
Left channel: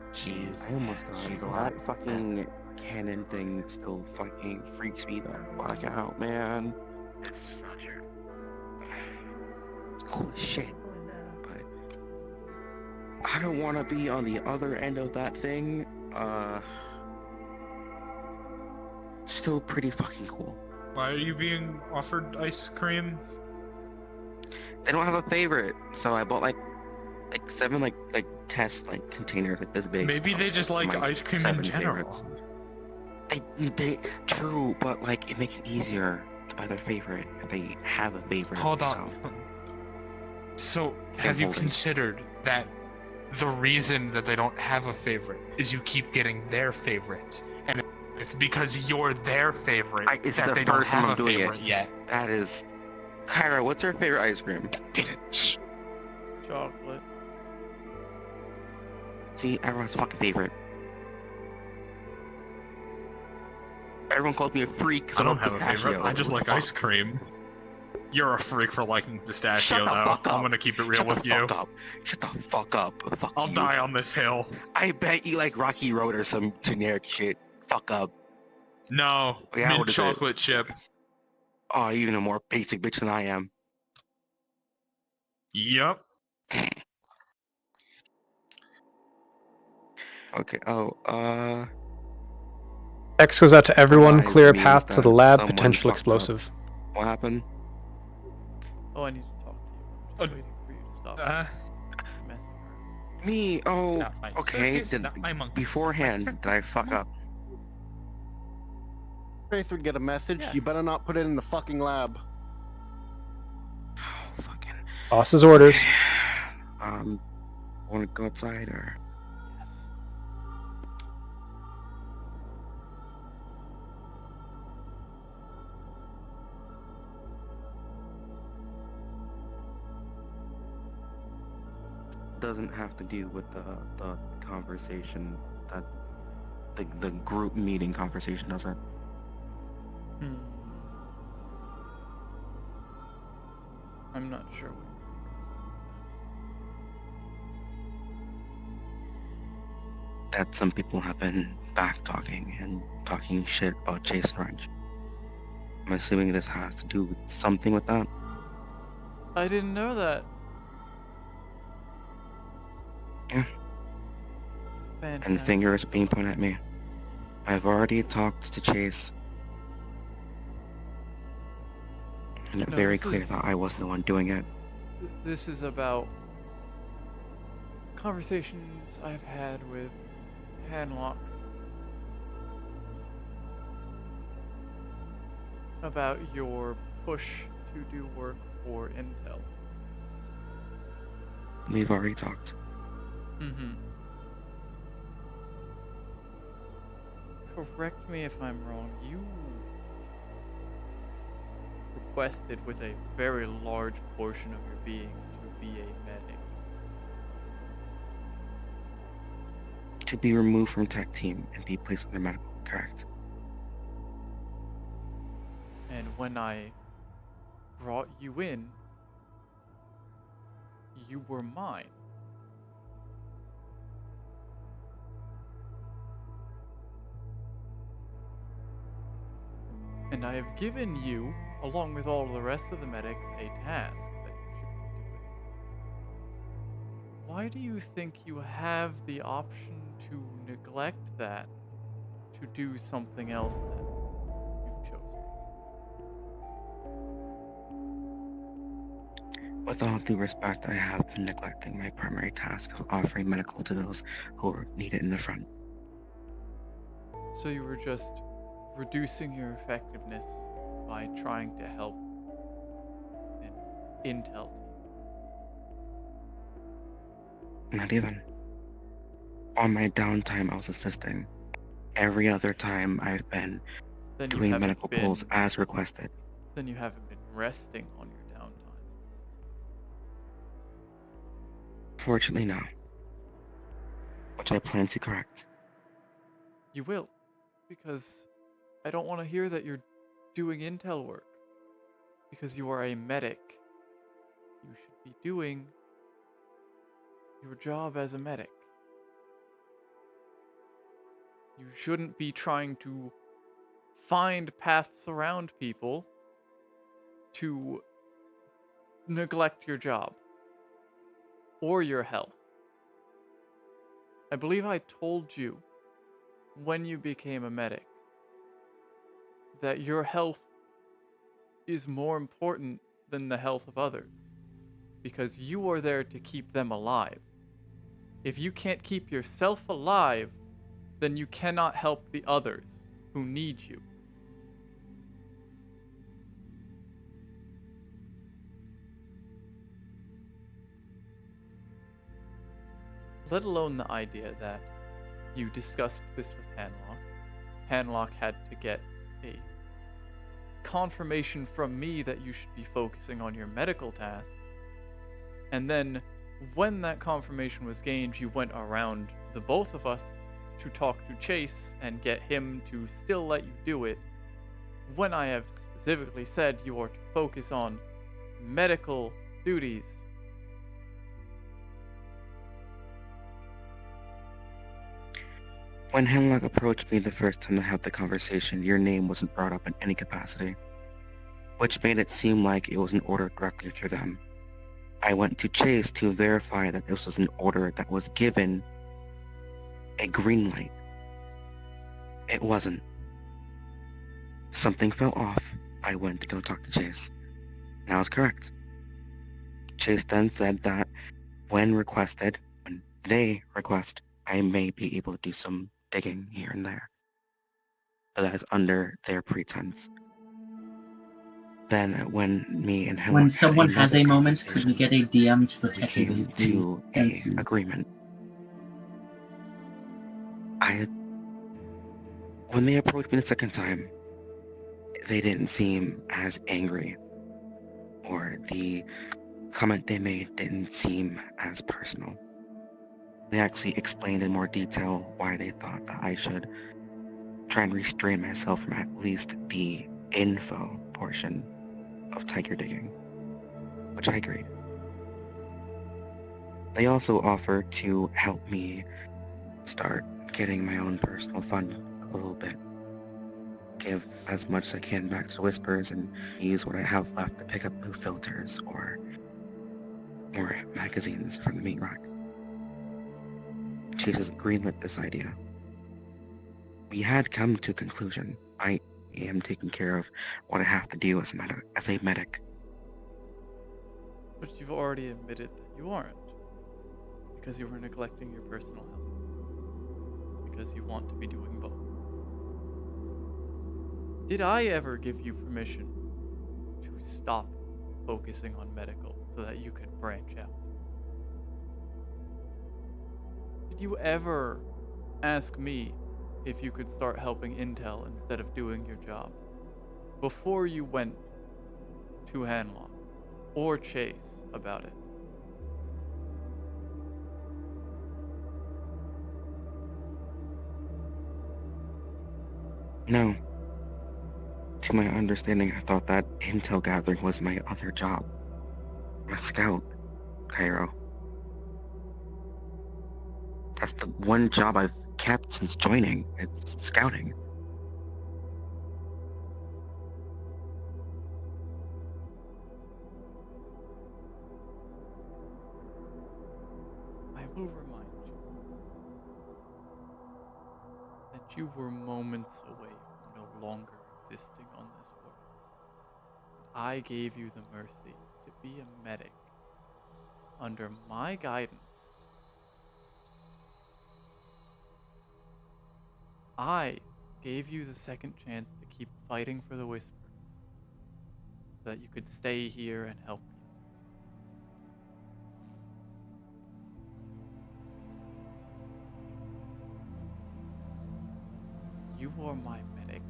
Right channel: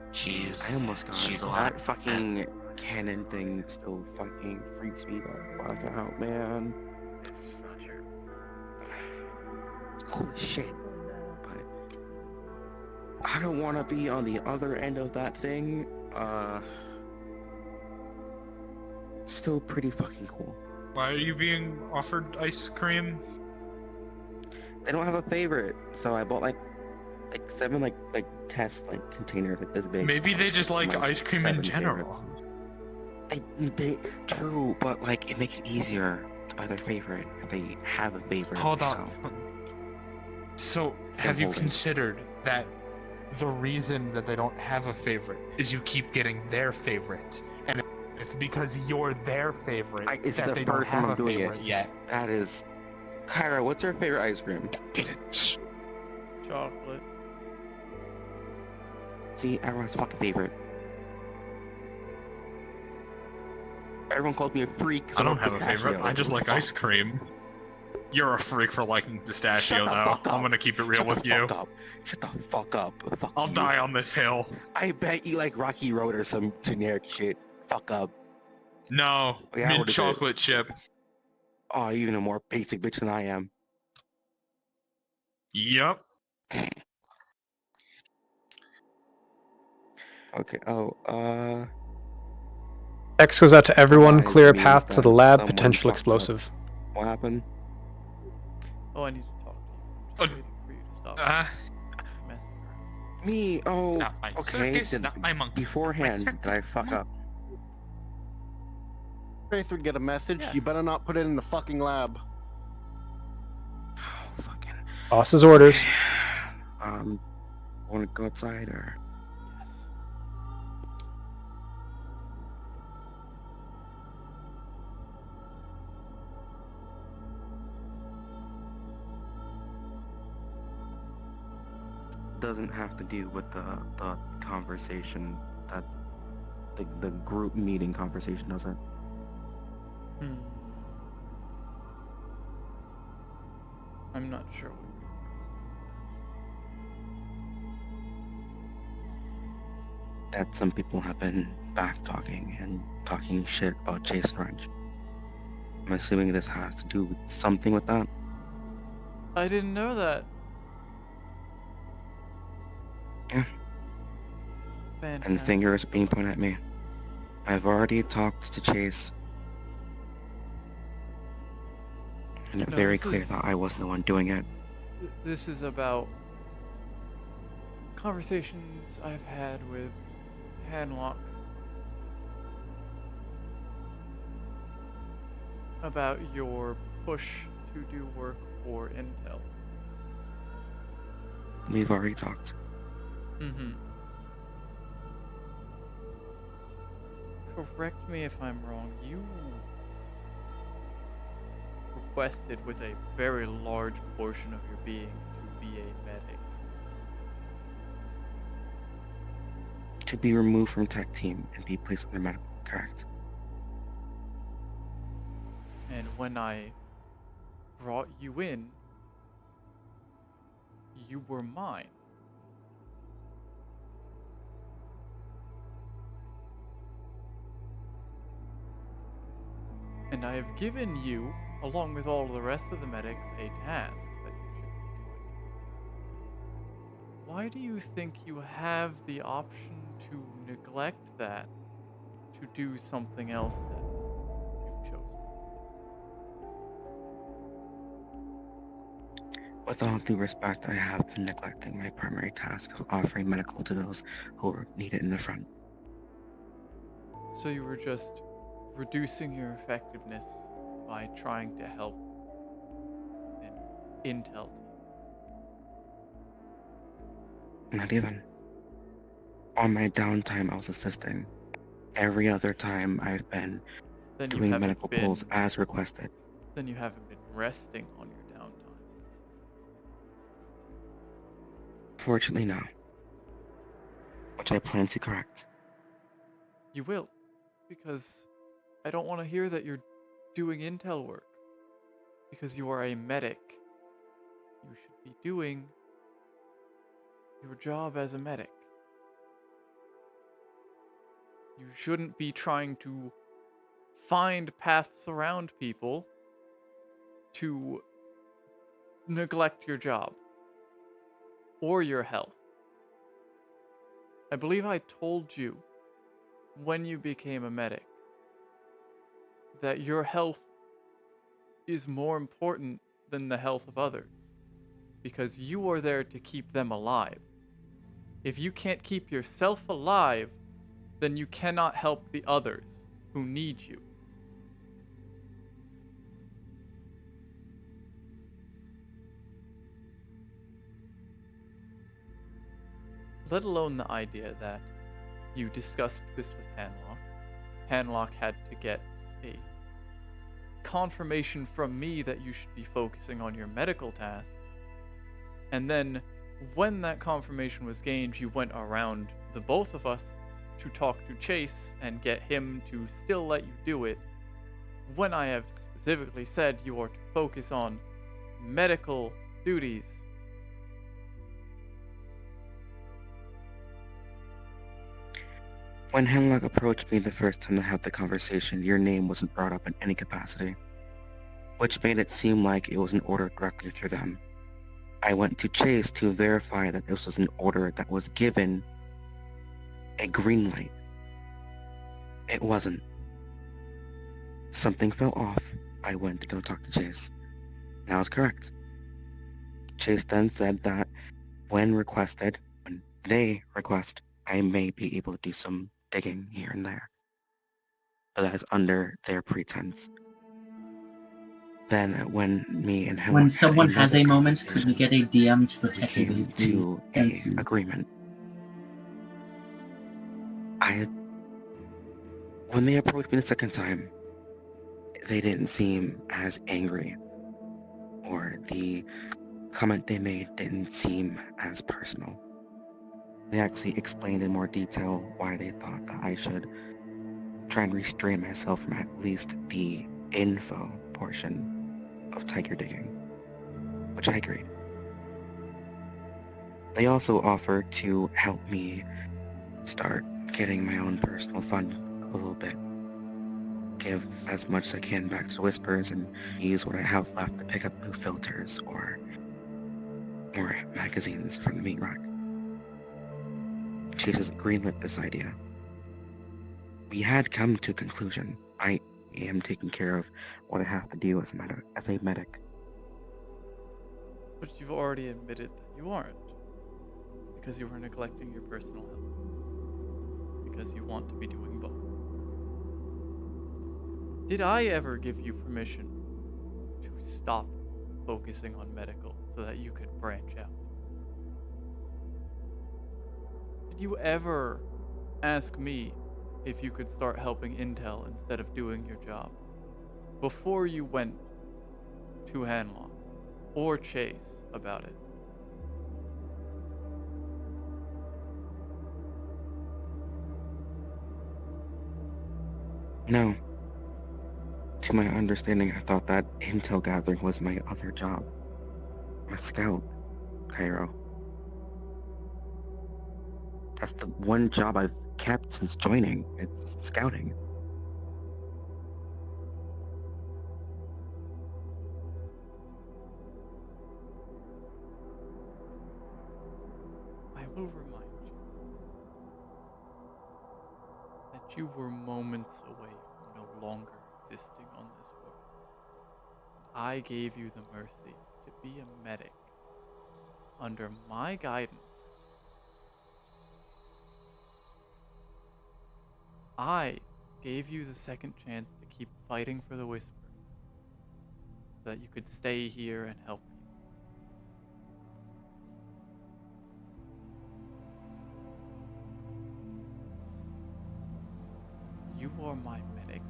I almost got she's it. alive. That fucking cannon thing still fucking freaks me the fuck out, man. It's not true. Holy shit. But I don't want to be on the other end of that thing Still pretty fucking cool. Why are you being offered ice cream? They don't have a favorite, so I bought like 7 like test containers like this big. Maybe they just like Like, ice cream 7 in general. favorites. They true, but like it makes it easier to buy their favorite if they have a favorite. Hold on. So, have you considered that the reason that they don't have a favorite is you keep getting their favorite, and it's because you're their favorite It's that the they don't first time have I'm a doing favorite it. yet. That is, Cairo, what's your favorite ice cream? Didn't. Chocolate. See, everyone's fucking favorite. Everyone calls me a freak. 'cause I don't love have a favorite. pistachio. I just like Fuck. ice cream. You're a freak for liking pistachio, Shut the though. fuck up. I'm gonna keep it real Shut with the you. fuck up. Shut the fuck up. Fuck I'll you. die on this hill. I bet you like Rocky Road or some generic shit. Fuck up. No, Yeah, mint what is it? chocolate chip. Oh, even a more basic bitch than I am. Yup. Okay. X goes out to everyone. Guys, Clear a means path to that the lab. someone Potential fucked up. explosive. What happened? Oh, I need to talk to you. I'm just waiting for you to stop messing around. Me? Oh, Not my okay. circus, not my monkey. Beforehand, My did I fuck up? Faith would get a message. You better not put it in the fucking lab. Boss's orders. Want to go outside or? Yes. Doesn't have to do with the conversation that the group meeting conversation, does it? I'm not sure. That some people have been back talking and talking shit about Chase Ranch. I'm assuming this has to do with something with that. I didn't know that. Yeah. Fantastic. And fingers being pointed at me. I've already talked to Chase. And it's No, very this clear is- that I wasn't the one doing it. This is about conversations I've had with Hanlock about your push to do work for Intel. We've already talked. Mm-hmm. Correct me if I'm wrong. You requested with a very large portion of your being to be a medic. To be removed from tech team and be placed under medical, correct? And when I brought you in, you were mine. And I have given you, along with all the rest of the medics, a task that you should be doing. Why do you think you have the option to neglect that to do something else that you've chosen? With all due respect, I have been neglecting my primary task of offering medical to those who need it in the front. So you were just reducing your effectiveness by trying to help an intel team. Not even. On my downtime, I was assisting. Every other time, I've been Then you doing haven't medical been- pulls as requested. Then you haven't been resting on your downtime. Fortunately, no. Which I plan to correct. You will, because I don't want to hear that you're doing intel work. Because you are a medic. You should be doing your job as a medic. You shouldn't be trying to find paths around people to neglect your job or your health. I believe I told you when you became a medic that your health is more important than the health of others, because you are there to keep them alive. If you can't keep yourself alive, then you cannot help the others who need you. Let alone the idea that you discussed this with Hanlock. Hanlock had to get a confirmation from me that you should be focusing on your medical tasks. And then, when that confirmation was gained, you went around the both of us to talk to Chase and get him to still let you do it, when I have specifically said you are to focus on medical duties. When Hemlock approached me the first time to have the conversation, your name wasn't brought up in any capacity, which made it seem like it was an order directly through them. I went to Chase to verify that this was an order that was given a green light. It wasn't. Something fell off. I went to go talk to Chase. And I was correct. Chase then said that when they request, I may be able to do some digging here and there. But that is under their pretense. Then when me and him When someone has a moment, conversation, could we get a DM to the we tech came lead, please? to Thank a you. agreement. When they approached me the second time, they didn't seem as angry, or the comment they made didn't seem as personal. They actually explained in more detail why they thought that I should try and restrain myself from at least the info portion of tiger digging, which I agreed. They also offered to help me start getting my own personal fund a little bit. Give as much as I can back to Whispers and use what I have left to pick up new filters or more magazines from the meat rack. Chase has greenlit this idea. We had come to a conclusion. I am taking care of what I have to do as a medic. But you've already admitted that you aren't. Because you were neglecting your personal health. Because you want to be doing both. Did I ever give you permission to stop focusing on medical so that you could branch out? Did you ever ask me if you could start helping Intel instead of doing your job before you went to Hanlock or Chase about it? No. To my understanding, I thought that intel gathering was my other job. I'm a scout, Cairo. That's the one job I've kept since joining. It's scouting. I will remind you that you were moments away from no longer existing on this world. And I gave you the mercy to be a medic under my guidance. I gave you the second chance to keep fighting for the Whispers so that you could stay here and help you. You are my medic.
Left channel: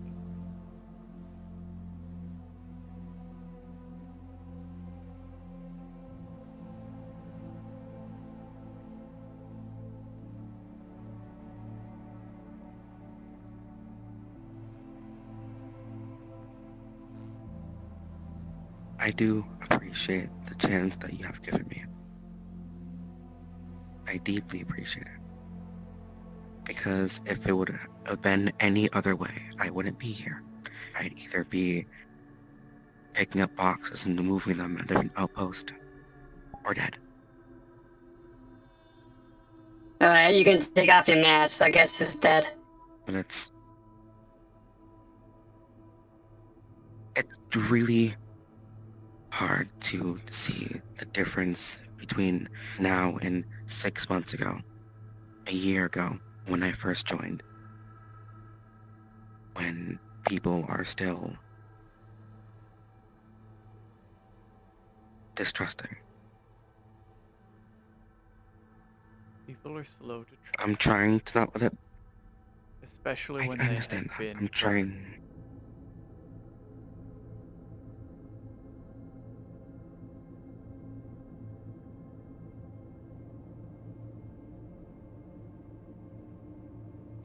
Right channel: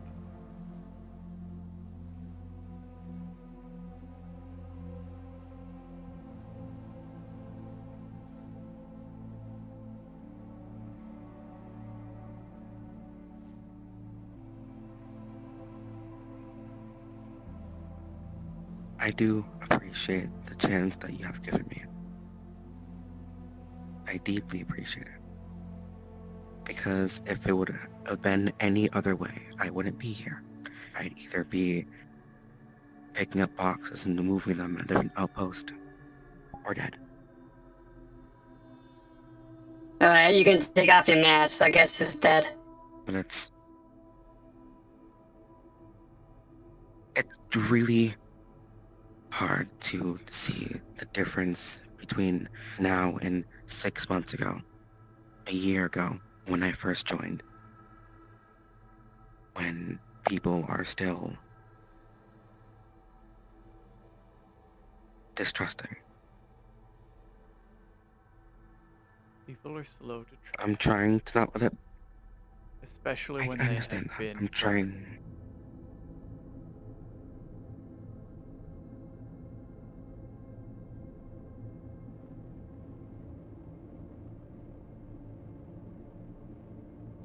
I do appreciate the chance that you have given me. I deeply appreciate it. Because if it would have been any other way, I wouldn't be here. I'd either be picking up boxes and moving them at a different outpost, or dead. Alright, you can take off your mask. I guess it's dead. but it's really hard to see a difference between now and 6 months ago, a year ago, when I first joined, when people are still distrusting. People are slow to trust. I'm trying to not let it. Especially I when they have understand that. been. I'm trying.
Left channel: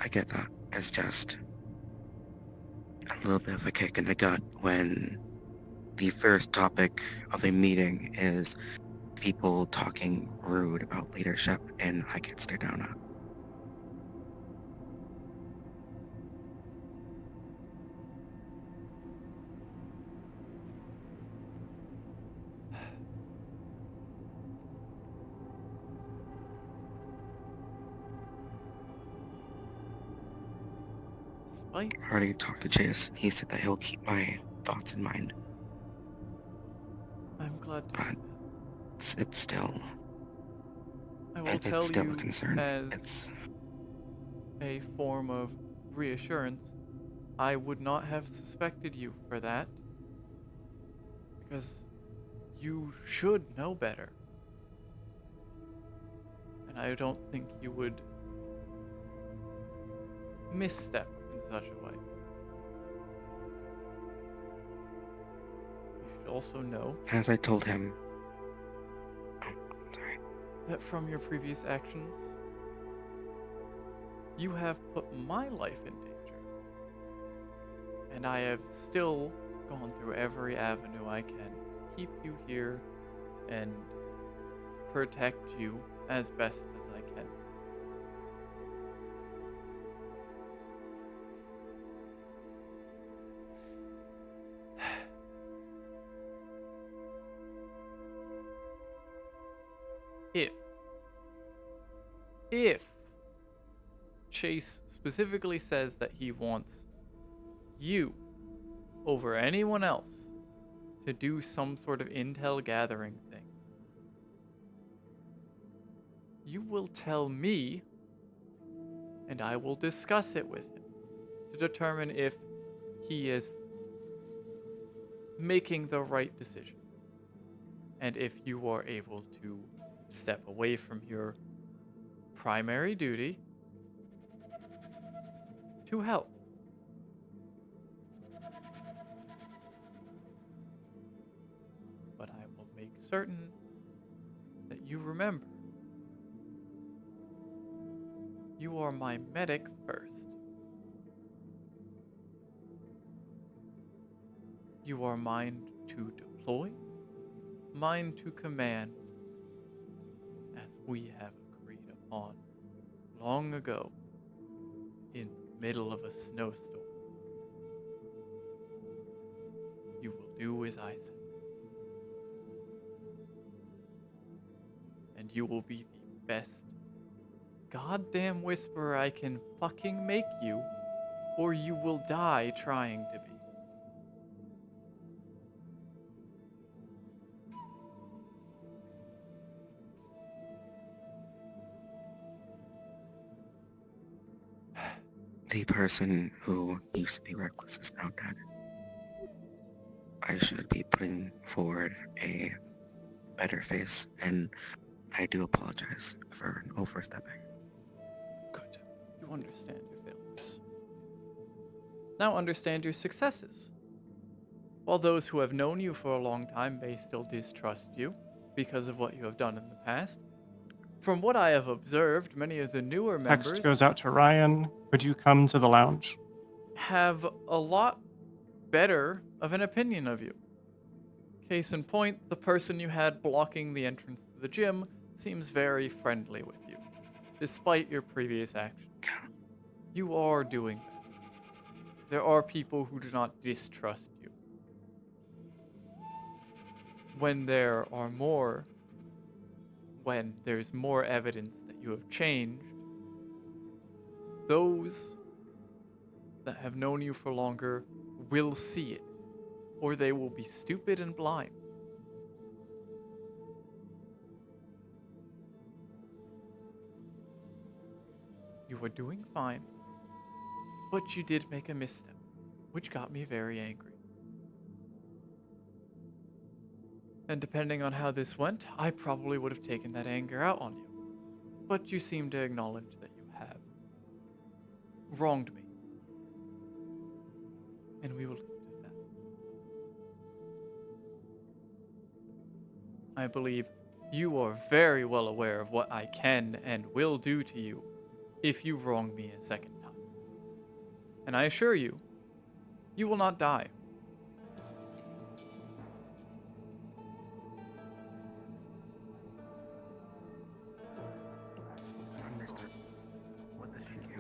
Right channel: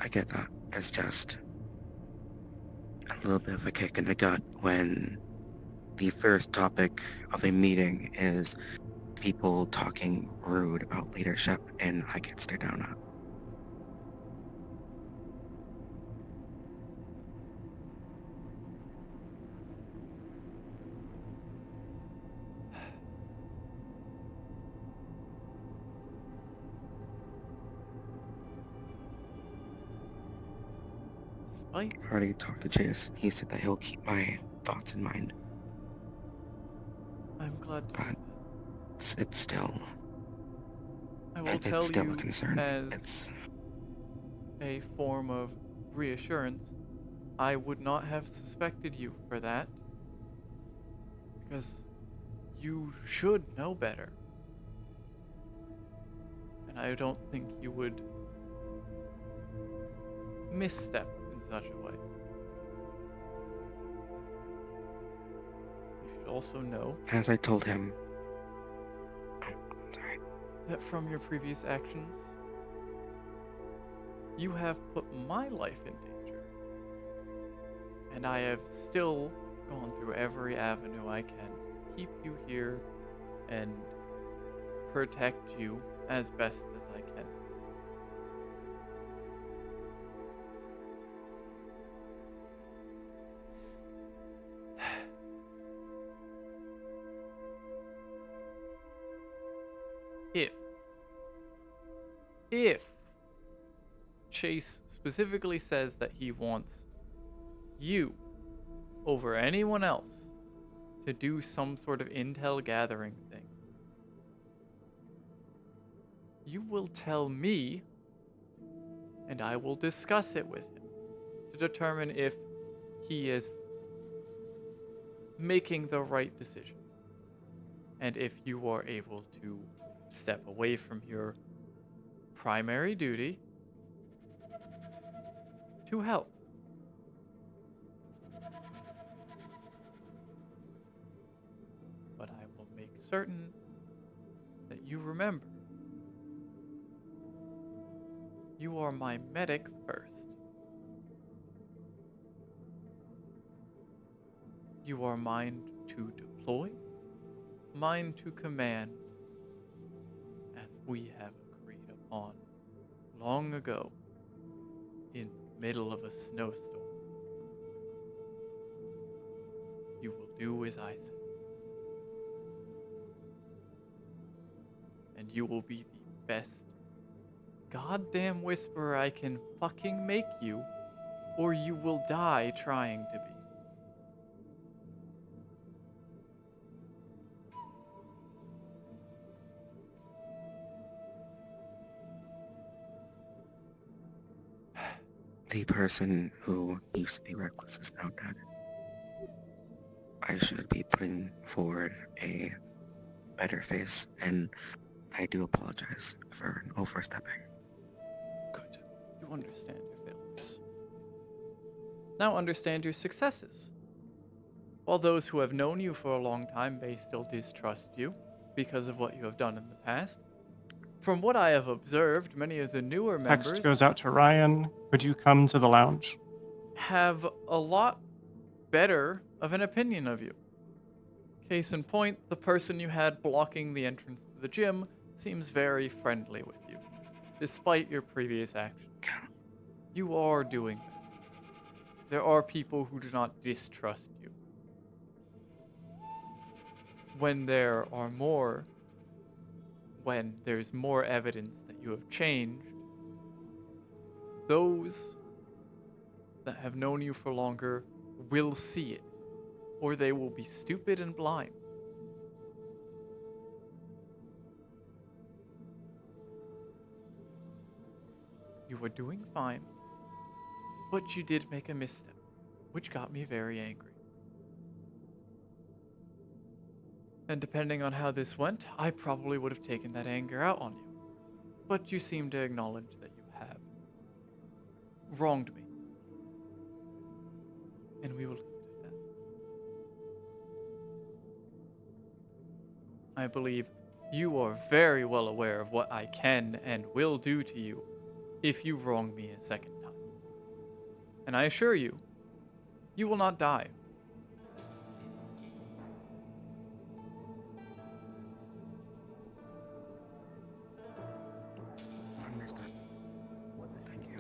I get that. It's just a little bit of a kick in the gut when the first topic of a meeting is people talking rude about leadership, and I get stared down at. I already talked to Chase. He said that he'll keep my thoughts in mind. I'm glad to hear that. It's still. I will It's tell still you a concern. as a form of reassurance, I would not have suspected you for that. Because you should know better. And I don't think you would misstep in such a way. You should also know, As I told him, that from your previous actions, you have put my life in danger. And I have still gone through every avenue I can to keep you here and protect you as best as I can. If Chase specifically says that he wants you over anyone else to do some sort of intel gathering thing, you will tell me, and I will discuss it with him to determine if he is making the right decision, and if you are able to step away from your primary duty to help. But I will make certain that you remember, you are my medic first. You are mine to deploy, mine to command, as we have agreed upon long ago in the middle of a snowstorm. You will do as I say. And you will be the best goddamn whisperer I can fucking make you, or you will die trying to be. the person who used to be reckless is now dead. I should be putting forward a better face, and I do apologize for overstepping. Good. You understand your failures. Now understand your successes. While those who have known you for a long time may still distrust you because of what you have done in the past, from what I have observed, many of the newer members Text goes out to Ryan. Could you come to the lounge? have a lot better of an opinion of you. Case in point, the person you had blocking the entrance to the gym seems very friendly with you, despite your previous actions. You are doing better. There are people who do not distrust you. When there's more evidence that you have changed, those that have known you for longer will see it, or they will be stupid and blind. You were doing fine, but you did make a misstep, which got me very angry. And depending on how this went, I probably would have taken that anger out on you. But you seem to acknowledge that you have wronged me. And we will leave it at that. I believe you are very well aware of what I can and will do to you if you wrong me a second time. And I assure you, you will not die. Understood. Thank you.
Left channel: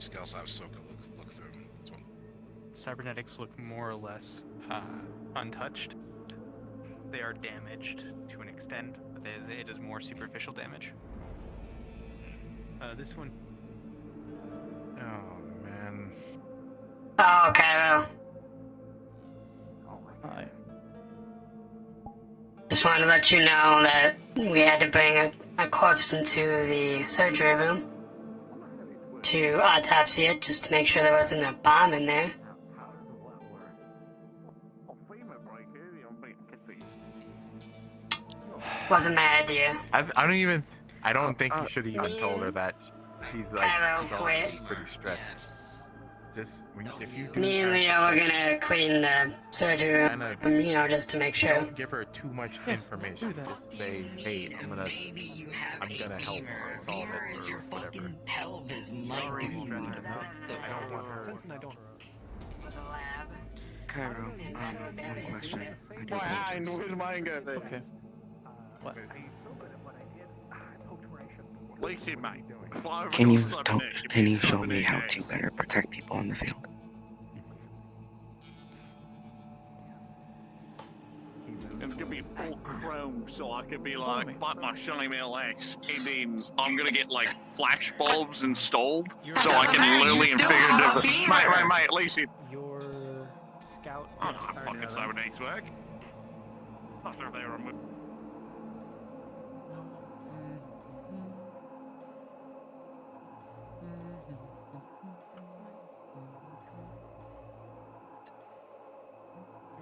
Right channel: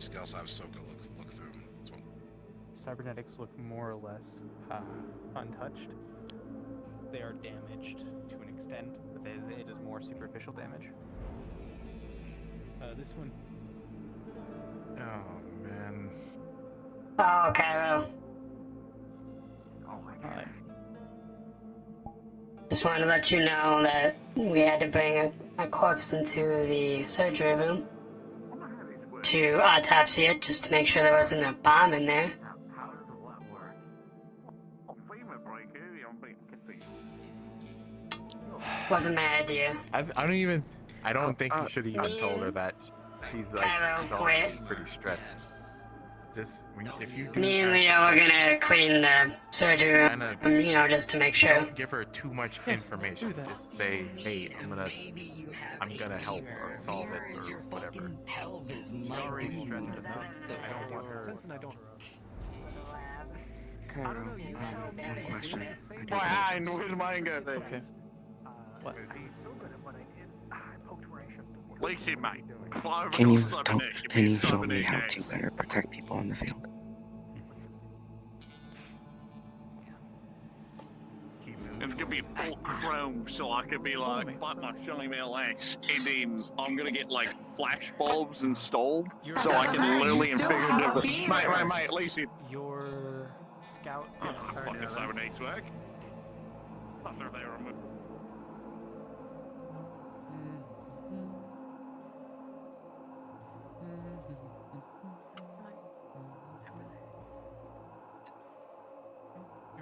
Just also have Soka look through as well. Cybernetics look more or less untouched. They are damaged to an extent, but it is more superficial damage. This one. Oh man. Oh, Cairo. Hi. Just wanted to let you know that we had to bring a corpse into the surgery room to autopsy it, just to make sure there wasn't a bomb in there. Wasn't my idea. I don't think you should have even told her that. She's like, Cairo, quit. pretty stressed. Just if you do. Me and Leo were gonna clean the surgery room, you know, just to make sure. Don't give her too much information. Just say, hey, I'm gonna help or solve it or whatever. She's already stressed enough. I don't want her. Cairo, one question. I do Fine, apologize. where's mine go then? Okay. What? Listen, mate. Can you show me how to better protect people in the field? It's gonna be full chrome, so I could be like my Sony MLS, and then I'm gonna get like flash bulbs installed, so I can literally and figuratively. Mate, listen. Your scout. Oh, fucking cybernetics work. Thought they were removed.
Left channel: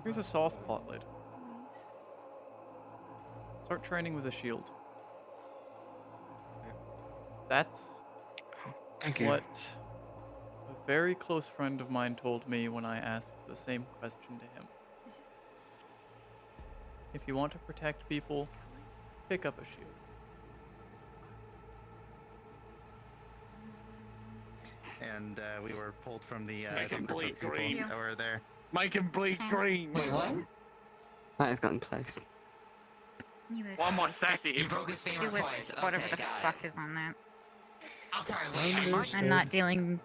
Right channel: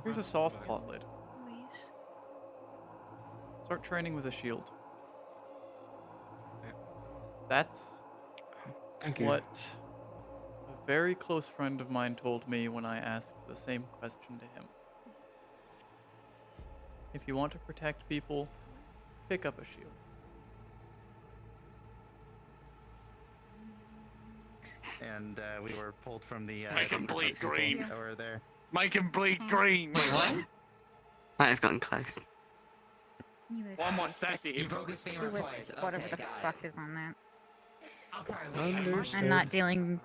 Here's a sauce pot lid. Start training with a shield. That's Thank you. what a very close friend of mine told me when I asked the same question to him. If you want to protect people, pick up a shield. And we were pulled from the Make him bleed green. that were there. Make him bleed green. Wait, what? Might have gotten close. One more sassy. Do with whatever the fuck is on that. Understood. I'm not dealing.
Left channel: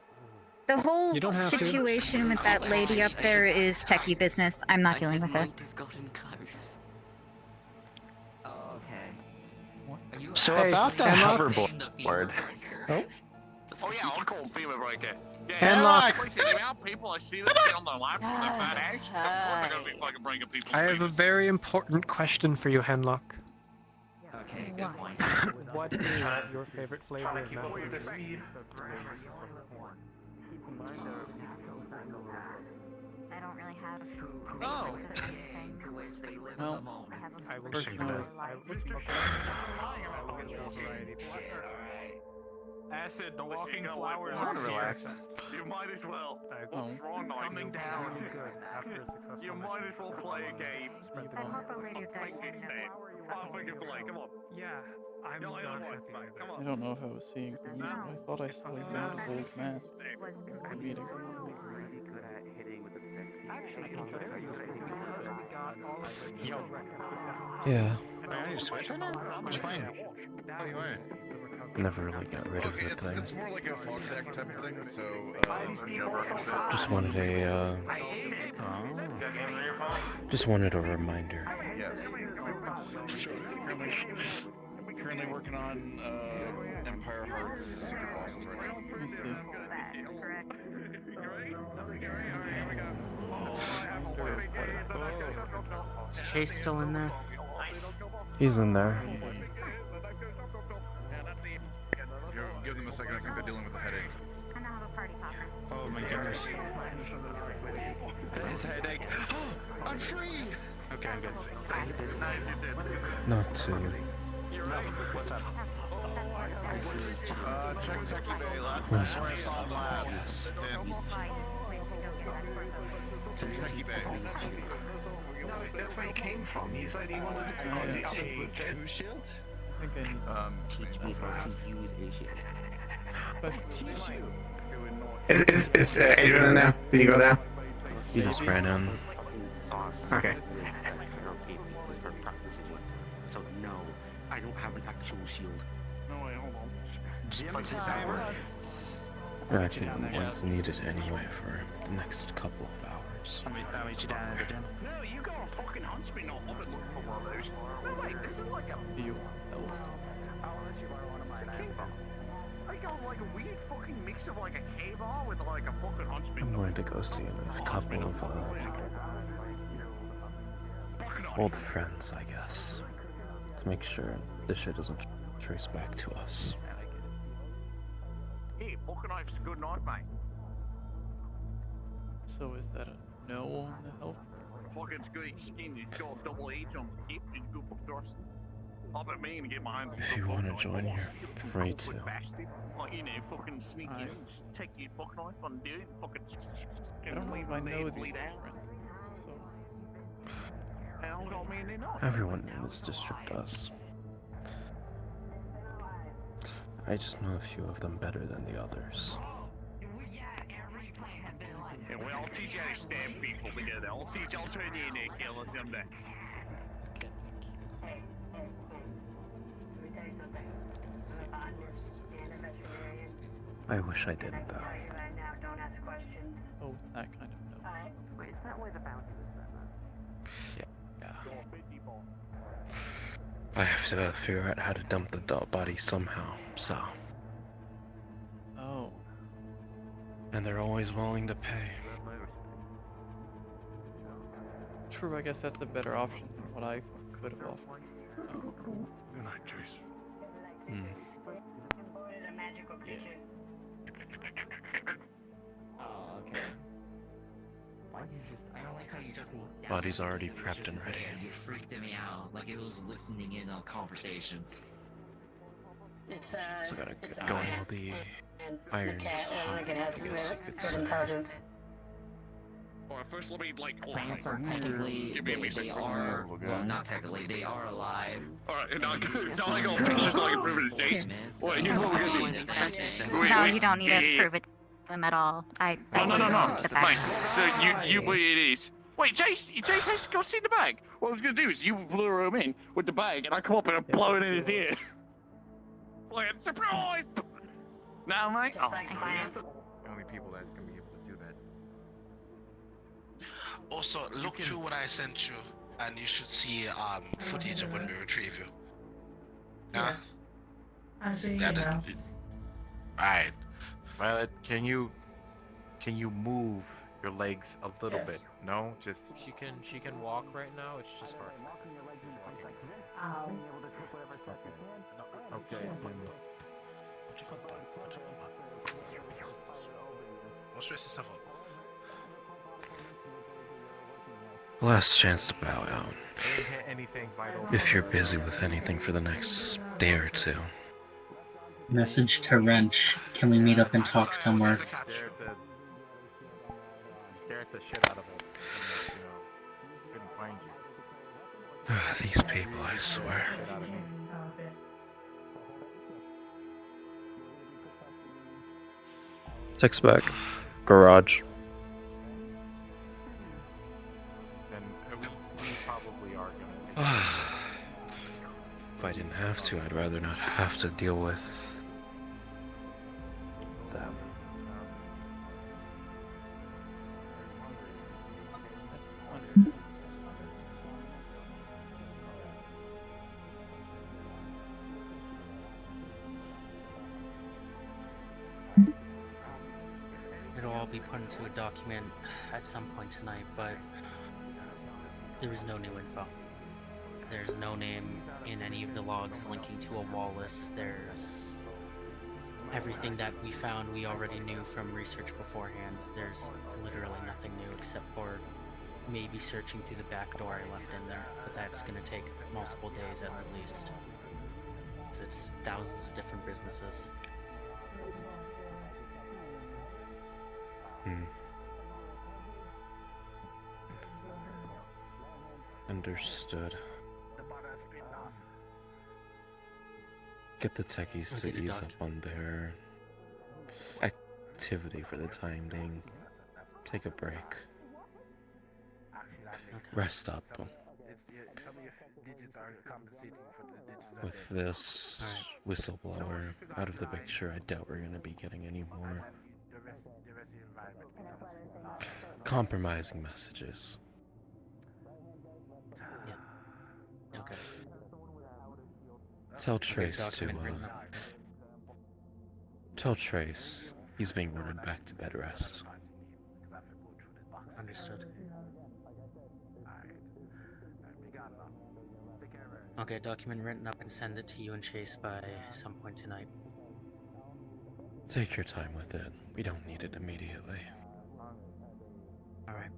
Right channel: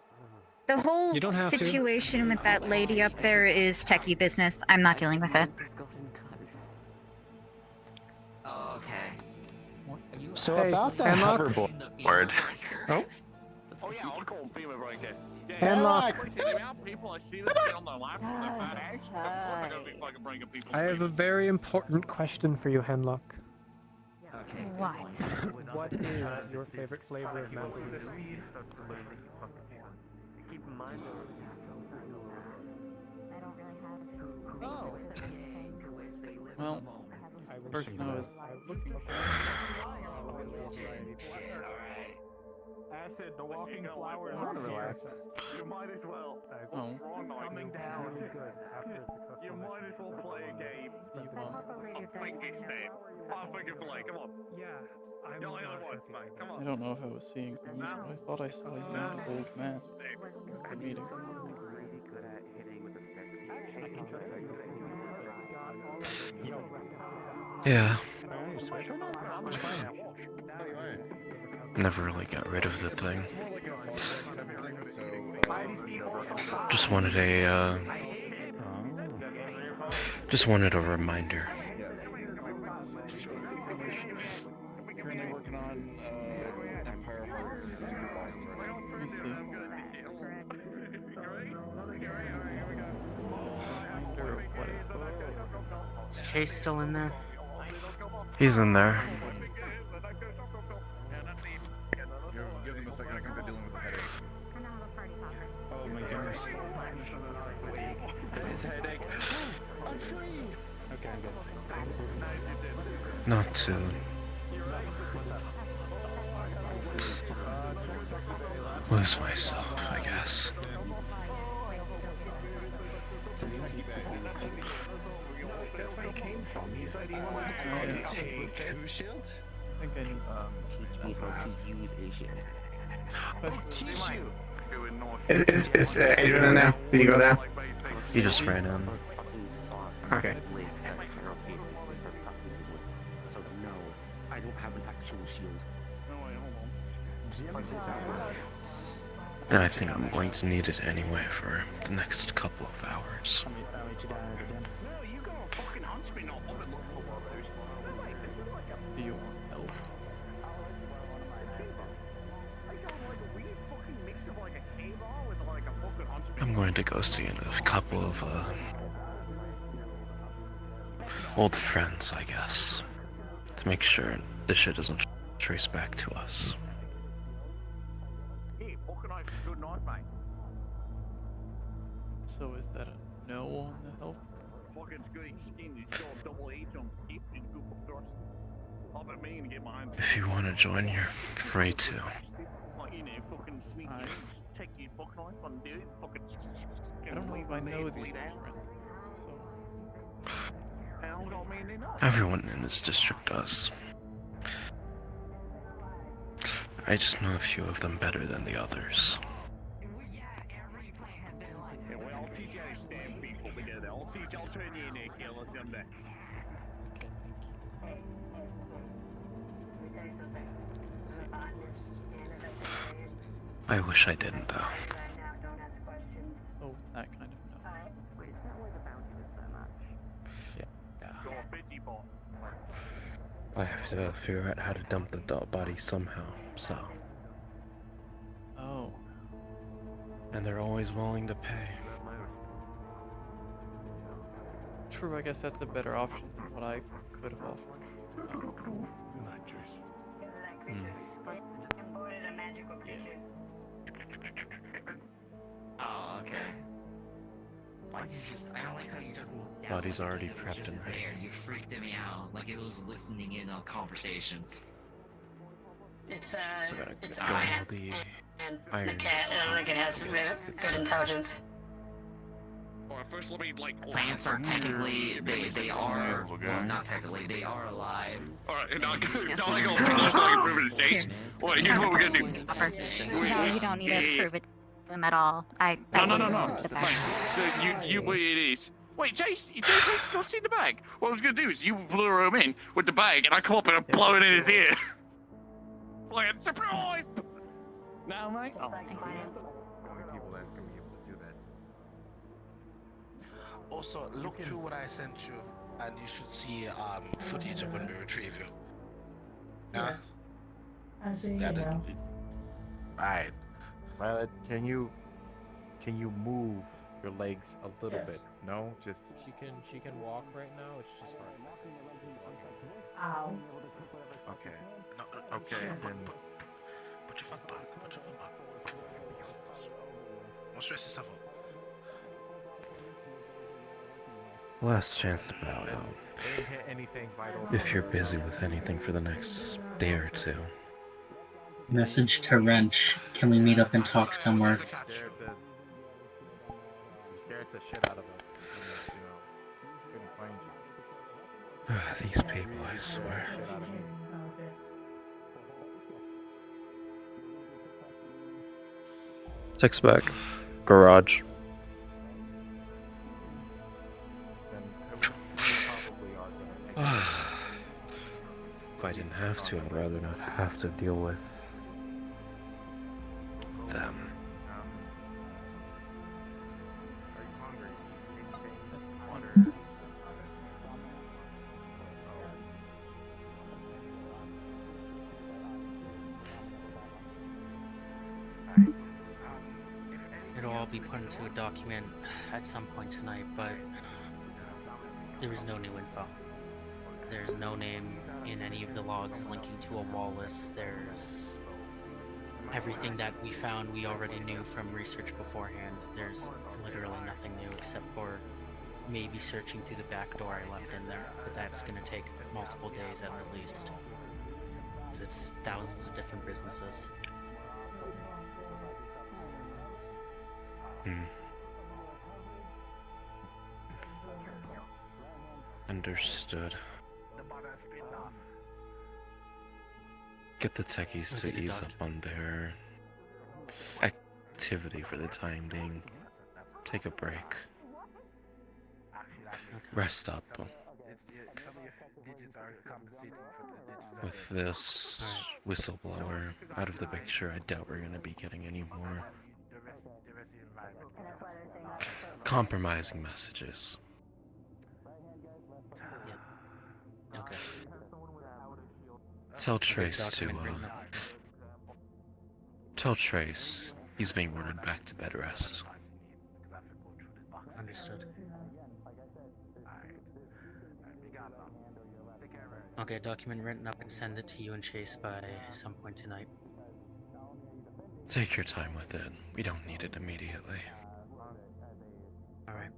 The whole You don't have to. situation with that lady up there is techie business. I'm not dealing with it. So Hey, about that Hemlock? hoverboard. Oh? Oh yeah, I'll call him FEMA breaker. Yeah, Hemlock. The amount of people I see that sit on their lap with their fat ass, of course they're gonna be fucking breaking people's I have a FEMAs. very important question for you, Hemlock. What is your favorite flavor of macaroni? Well, the person I was looking for. Acid, the walking flowers are relax. You might as well. Oh. Coming down. You might as well play a game. I think it's dead. I'll make it play. Come on. Yeah, I'm You're the only one, mate. Come on. I don't know if I was seeing things, but I thought I saw you in an old mask. The meeting. Yeah. Am I gonna switch or not? I'm fine. Never really got rid of the thing. Just wanted a reminder. Currently working on Empire Hearts I see. Reminder of what I Is Chase still in there? He's in there. Give them a second. I think they're dealing with a headache. Oh my goodness. His headache. I'm free. Okay, I'm good. Not soon. Lose myself, I guess. That's where he came from. He said he wanted to take who shield? I think I need some teach me how to use a shield. Is Adrian in there? Did you go there? He just ran in. Okay. So no, I don't have an actual shield. And I think Link's needed anyway for the next couple of hours. No, you got a fucking huntsman not I've been looking for one of those. Wait, this is like a... Do you want help? I'm going to go see a couple of old friends, I guess, to make sure this shit doesn't trace back to us. So is that a no on the help? If you want to join, you're free to. I don't know if I know these old friends, so... Everyone in this district does. I just know a few of them better than the others. I'll teach you how to stand people together. I'll turn you in there, killer, someday. I wish I didn't, though. Oh, it's that kind of no. I have to figure out how to dump the body somehow, so. Oh. And they're always willing to pay. True, I guess that's a better option than what I could have offered. Hmm. Yeah. Oh, okay. Why did you just... I don't like how you just walked down. Body's already prepped and ready. You freaked me out, like it was listening in on conversations. It's So I gotta get going all the irons. Lincoln has intelligence. Alright, first let me, like... Plants are technically, they are, well, not technically, they are alive. Alright, now I go fix this so I can prove it to Chase. Well, here's what we're gonna do. No, you don't need to prove it to them at all. No. Mate, so you wait it is. Wait, Jace has not seen the bag. What I was gonna do is you lure him in with the bag and I come up and I blow it in his ear. Like a surprise! Now, mate. How many people that's gonna be able to do that? Also, look through what I sent you, and you should see footage of when we retrieve you. Yes. I'm seeing it now. Alright. Well, can you move your legs a little bit? No, just. She can walk right now. It's just hard. Ow. Okay, then. Put your foot back. Don't stress yourself out. Last chance to bow out. If you're busy with anything for the next day or two. Message to Wrench. Can we meet up and talk somewhere? These people, I swear. Text back. Garage. If I didn't have to, I'd rather not have to deal with them. That's understandable. It'll all be put into a document at some point tonight, but there is no new info. There's no name in any of the logs linking to a wall list. There's everything that we found we already knew from research beforehand. There's literally nothing new except for maybe searching through the back door I left in there, but that's going to take multiple days at least. Because it's thousands of different businesses. Understood. Get the techies to ease up on their activity for the time being. Take a break. Rest up. With this whistleblower out of the picture, I doubt we're going to be getting any more compromising messages. Yeah. Okay. Tell Trace to, tell Trace he's being ordered back to bed rest. Understood. I'll get a document written up and send it to you and Chase by some point tonight. Take your time with it. We don't need it immediately. Alright.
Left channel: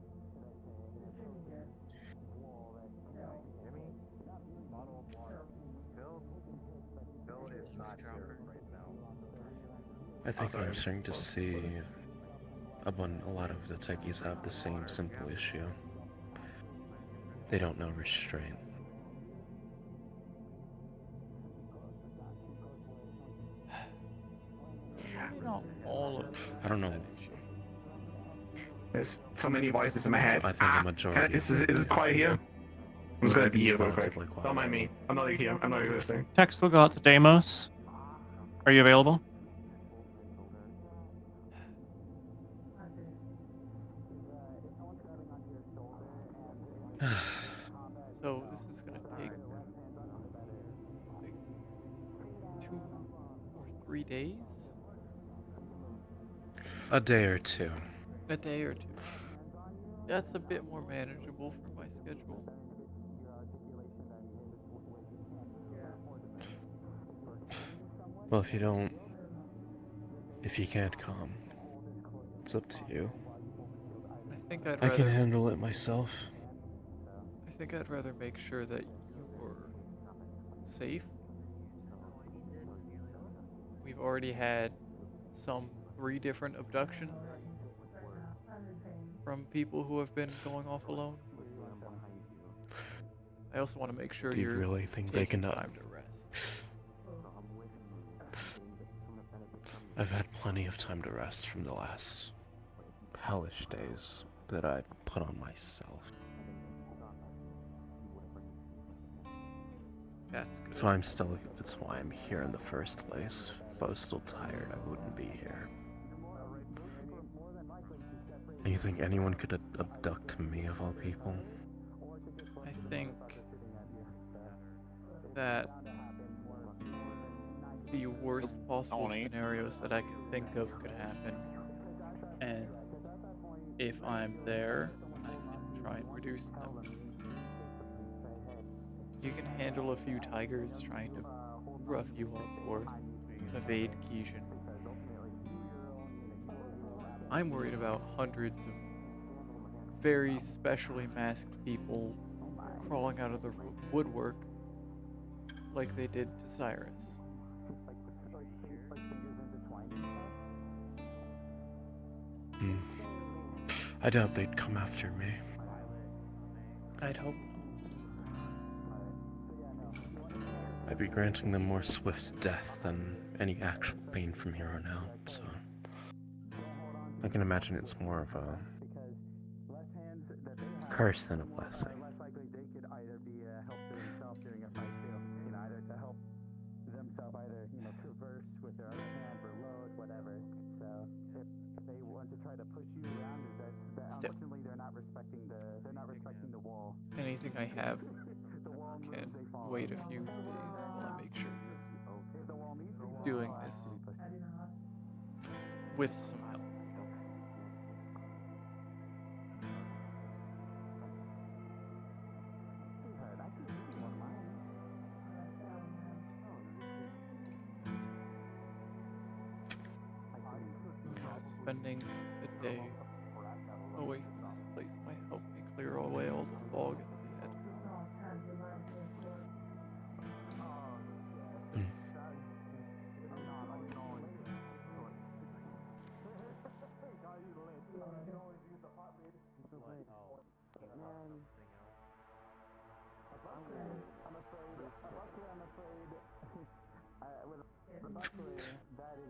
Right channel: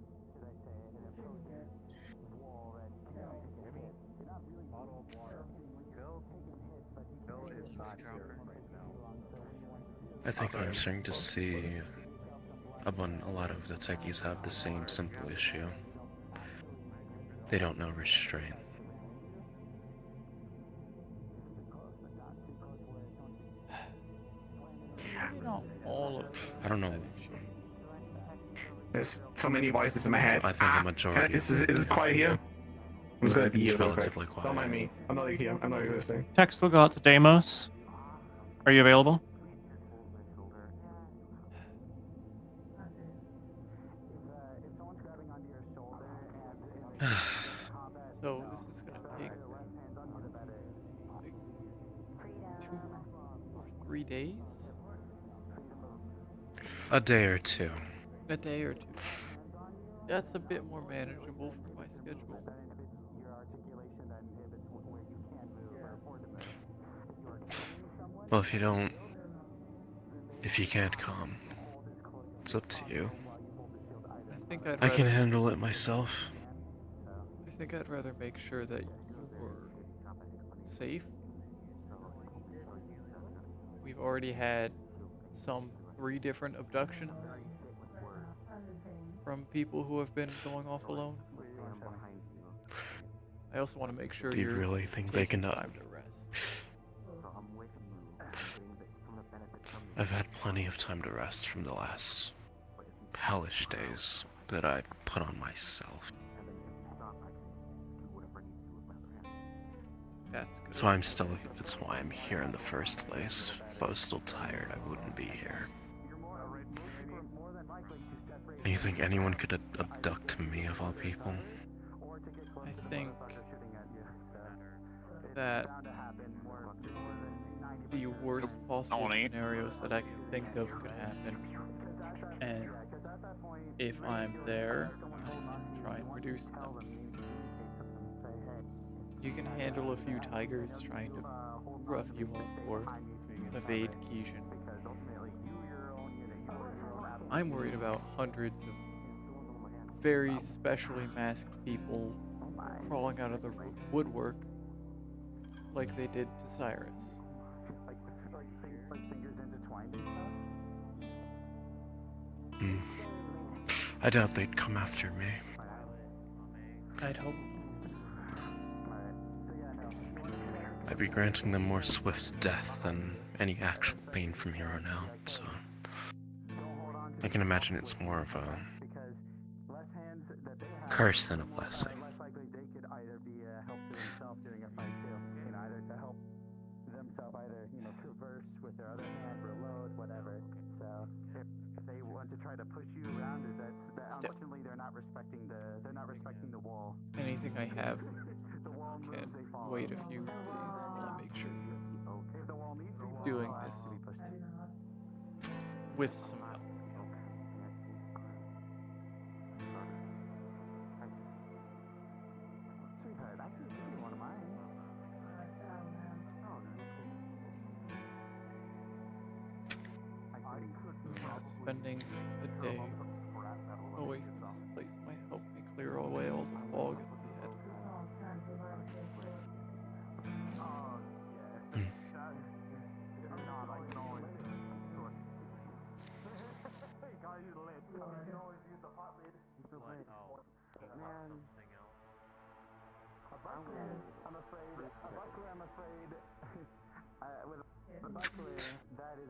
I think I'm starting to see a lot of the techies have the same simple issue. They don't know restraint. Not all of I don't know. There's so many voices in my head. I think a majority. Is it quiet here? I'm just gonna be here real quick. relatively quiet. Don't mind me. I'm not here. I'm not existing. Text will go out to Deimos. Are you available? So this is gonna take like 2 or 3 days? A day or two. A day or two. That's a bit more manageable for my schedule. Well, if you can't come, it's up to you. I think I'd I rather can handle it myself. I think I'd rather make sure that you're safe. We've already had some 3 different abductions from people who have been going off alone. I also want to make sure You you're really think they taking can time to rest. I've had plenty of time to rest from the last hellish days that I put on myself. That's good. So that's why I'm here in the first place. If I was still tired, I wouldn't be here. And you think anyone could abduct me of all people? I think that the worst possible scenarios that I can think of could happen, and if I'm there, I can try and reduce them. You can handle a few tigers trying to rough you up or evade Keishan. I'm worried about hundreds of very specially masked people crawling out of the woodwork like they did to Cyrus. I doubt they'd come after me. I'd hope I'd be granting them more swift death than any actual pain from here on out, so I can imagine it's more of a curse than a blessing. Still, anything I have can wait a few days while I make sure you're doing this with some help. Spending a day away from this place might help me clear away all the fog in my head.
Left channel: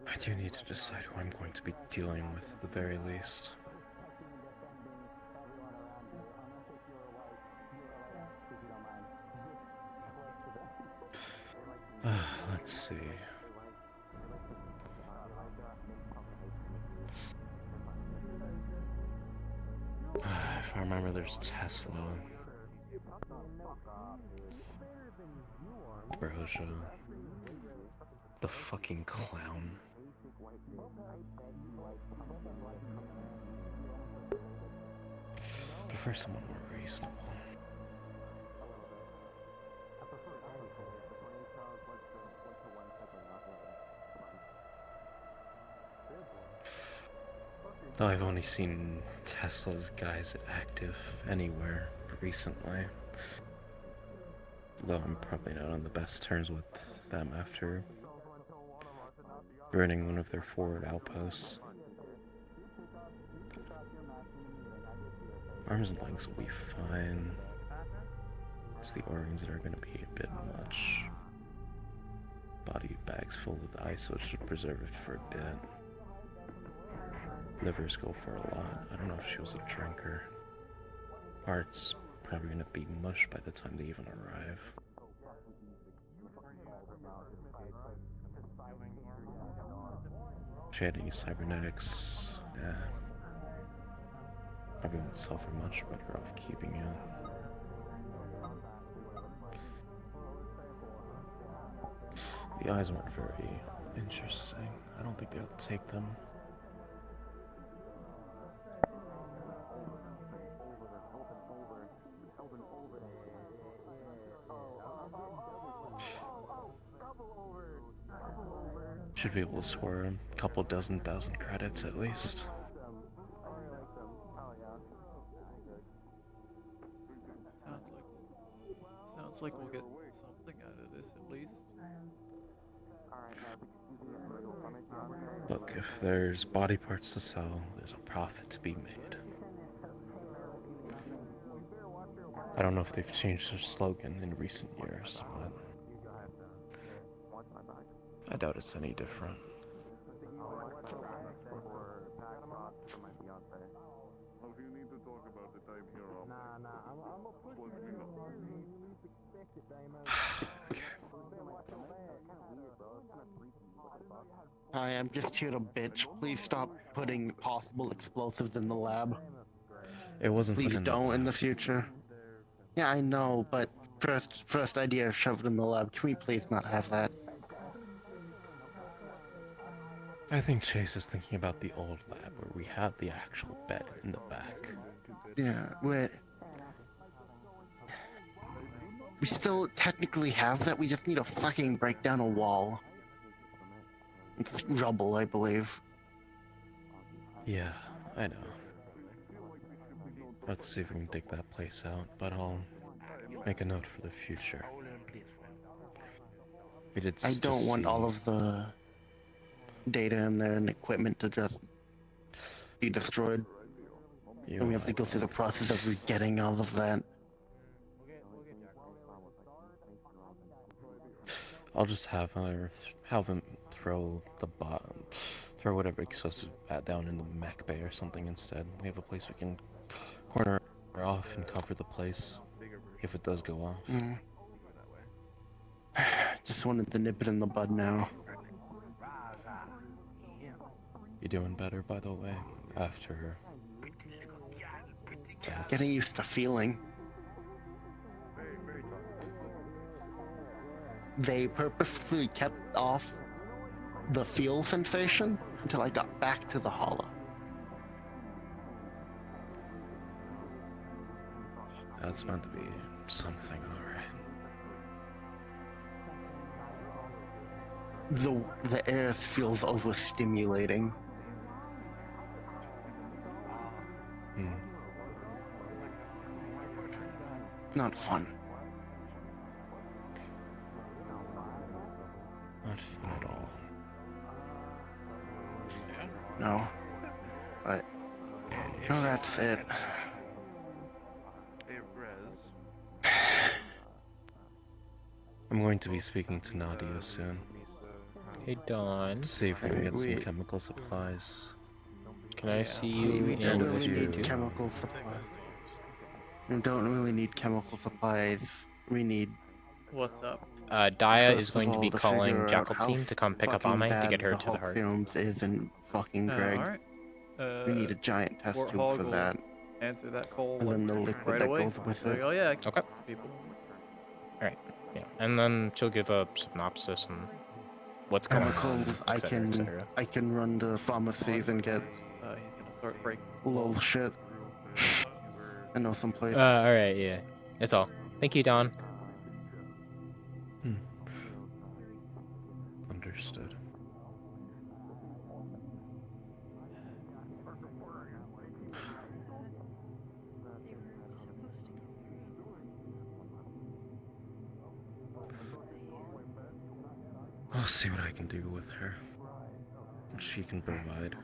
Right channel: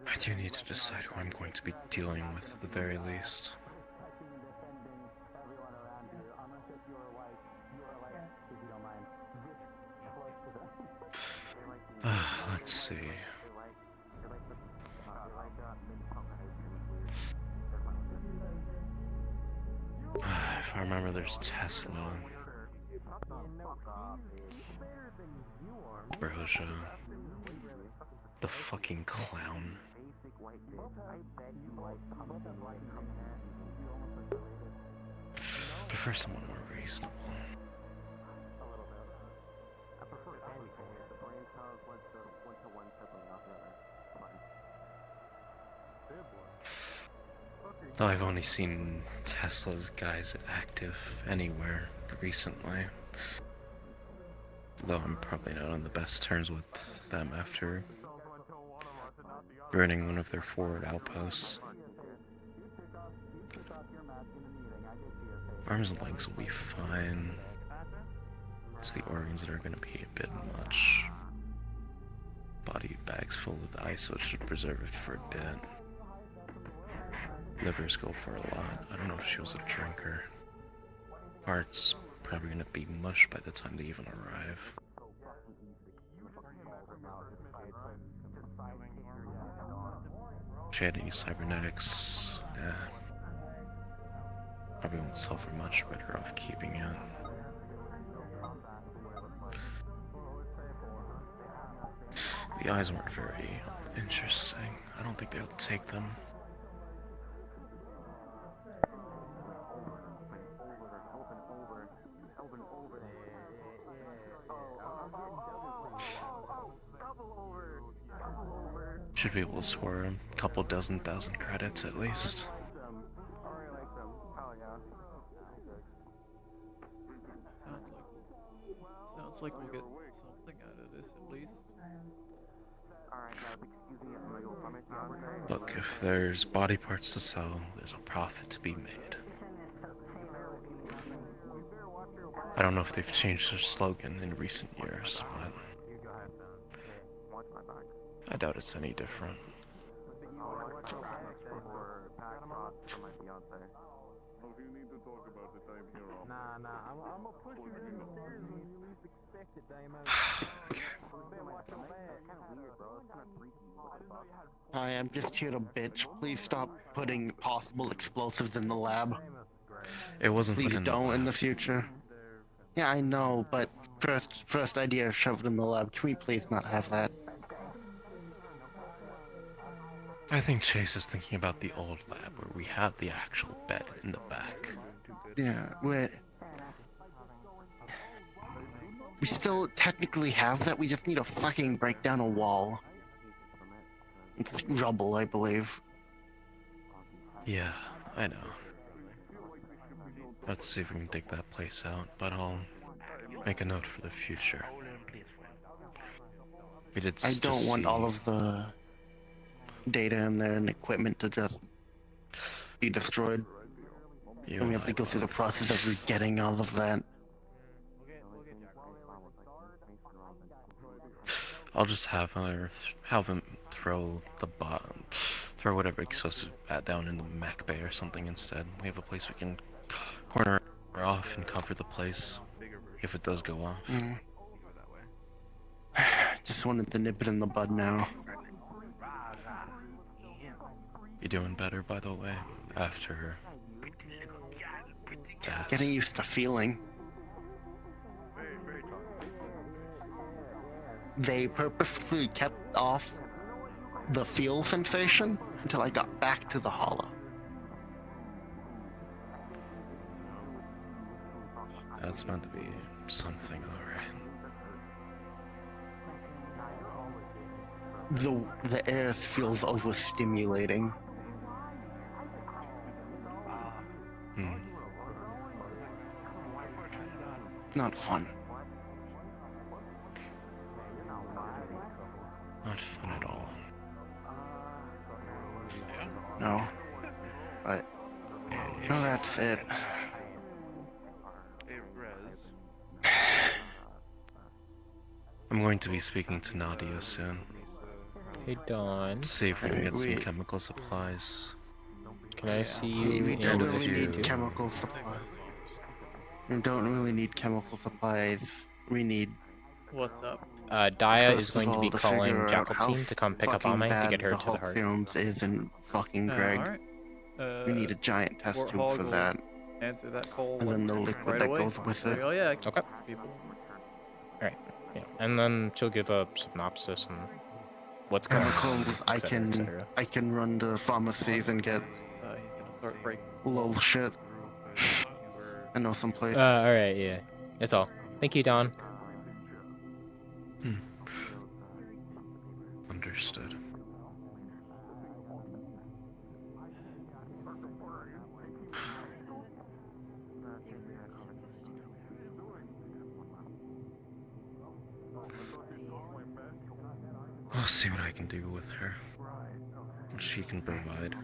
I do need to decide who I'm going to be dealing with at the very least. Let's see. If I remember, there's Tesla, Brosia, the fucking clown. Prefer someone more reasonable. Though I've only seen Tesla's guys active anywhere recently. Though I'm probably not on the best terms with them after burning one of their forward outposts. Arms and legs will be fine. It's the organs that are going to be a bit much. Body bags full with ice, so it should preserve it for a bit. Livers go for a lot. I don't know if she was a drinker. Heart's probably going to be mush by the time they even arrive. If she had any cybernetics, nah. Probably won't sell for much, better off keeping it. The eyes weren't very interesting. I don't think they would take them. Should be able to score a couple thousand credits at least. Sounds like we'll get something out of this at least. Look, if there's body parts to sell, there's a profit to be made. I don't know if they've changed their slogan in recent years, but I doubt it's any different. Hi, I'm just here to bitch. Please stop putting possible explosives in the lab. It wasn't Please put in don't the in the future. Yeah, I know, but first idea shoved in the lab. Can we please not have that? I think Chase is thinking about the old lab where we had the actual bed in the back. Yeah, we still technically have that. We just need to fucking break down a wall. It's rubble, I believe. Yeah, I know. Let's see if we can dig that place out, but I'll make a note for the future. I don't want all of the data in there and equipment to just be destroyed. And we have to go through the process of getting all of that. I'll just have him throw throw whatever explosive down in the mech bay or something instead. We have a place we can corner off and cover the place if it does go off. Just wanted to nip it in the bud now. You doing better, by the way, after that? Getting used to feeling. They purposely kept off the feel sensation until I got back to the hollow. That's meant to be something, alright. The air feels overstimulating. Not fun. Not fun at all. No. But no, that's it. I'm going to be speaking to Nadia soon. Hey, Dawn. See if we can get some chemical supplies. Can I see you We don't in really need Q2? chemical supply. We don't really need chemical supplies. We need. What's up? Daya First is going of to all, be to calling figure out Jackal how team to come pick up fucking Ame to bad get her the to the Hulk heart. Serums isn't fucking Greg. Alright. We need a giant test tube Warthog for will that. answer that call And then the liquid right that away. goes with So, it. oh yeah, Okay. people. Alright. Yeah. And then she'll give a synopsis on what's going on, Chemicals, etc., etc. I can run to pharmacies and get He's gonna start breaking. little shit. I know some place. Alright, yeah. That's all. Thank you, Don. Understood. I'll see what I can do with her. What she can provide.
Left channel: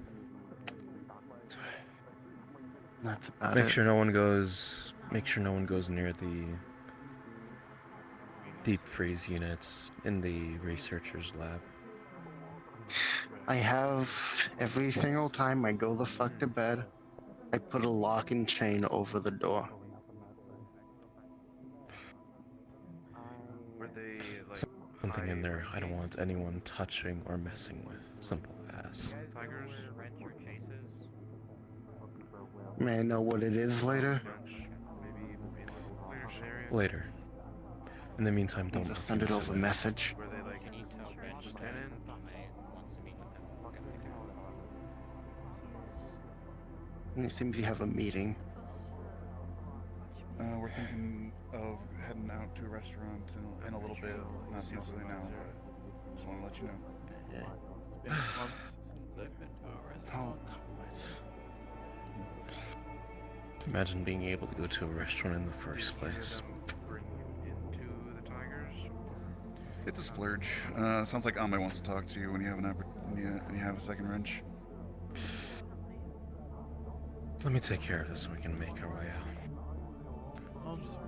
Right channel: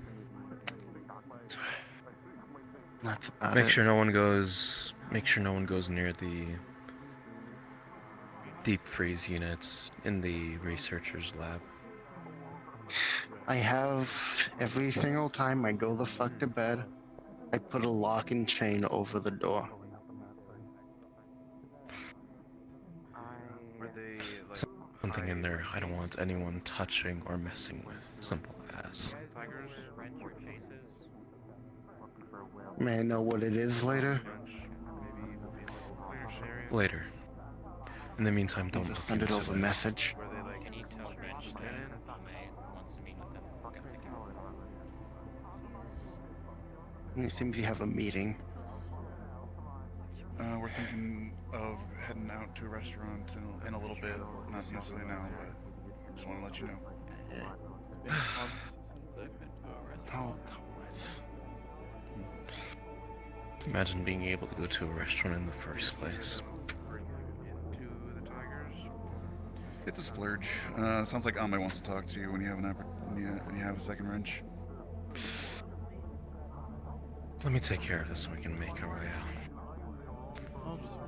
That's about Make it. sure no one goes near the deep freeze units in the researcher's lab. I have every single time I go the fuck to bed, I put a lock and chain over the door. Something in there I don't want anyone touching or messing with. Simple as. Tigers rent your chases. May I know what it is later? Later. In the meantime, I'll don't just look send it into over message. Where they like Can you tell Bench that lieutenant? Ame wants to meet with him? Okay. It seems you have a meeting. We're thinking of heading out to a restaurant in a little bit. Not necessarily now, but just want to let you know. It's been months since I've been to a restaurant. Imagine being able to go to a restaurant in the first place. Into the Tigers. It's a splurge. Sounds like Ame wants to talk to you when you have when you have a second wrench. Let me take care of this so we can make our way out. I'll just be.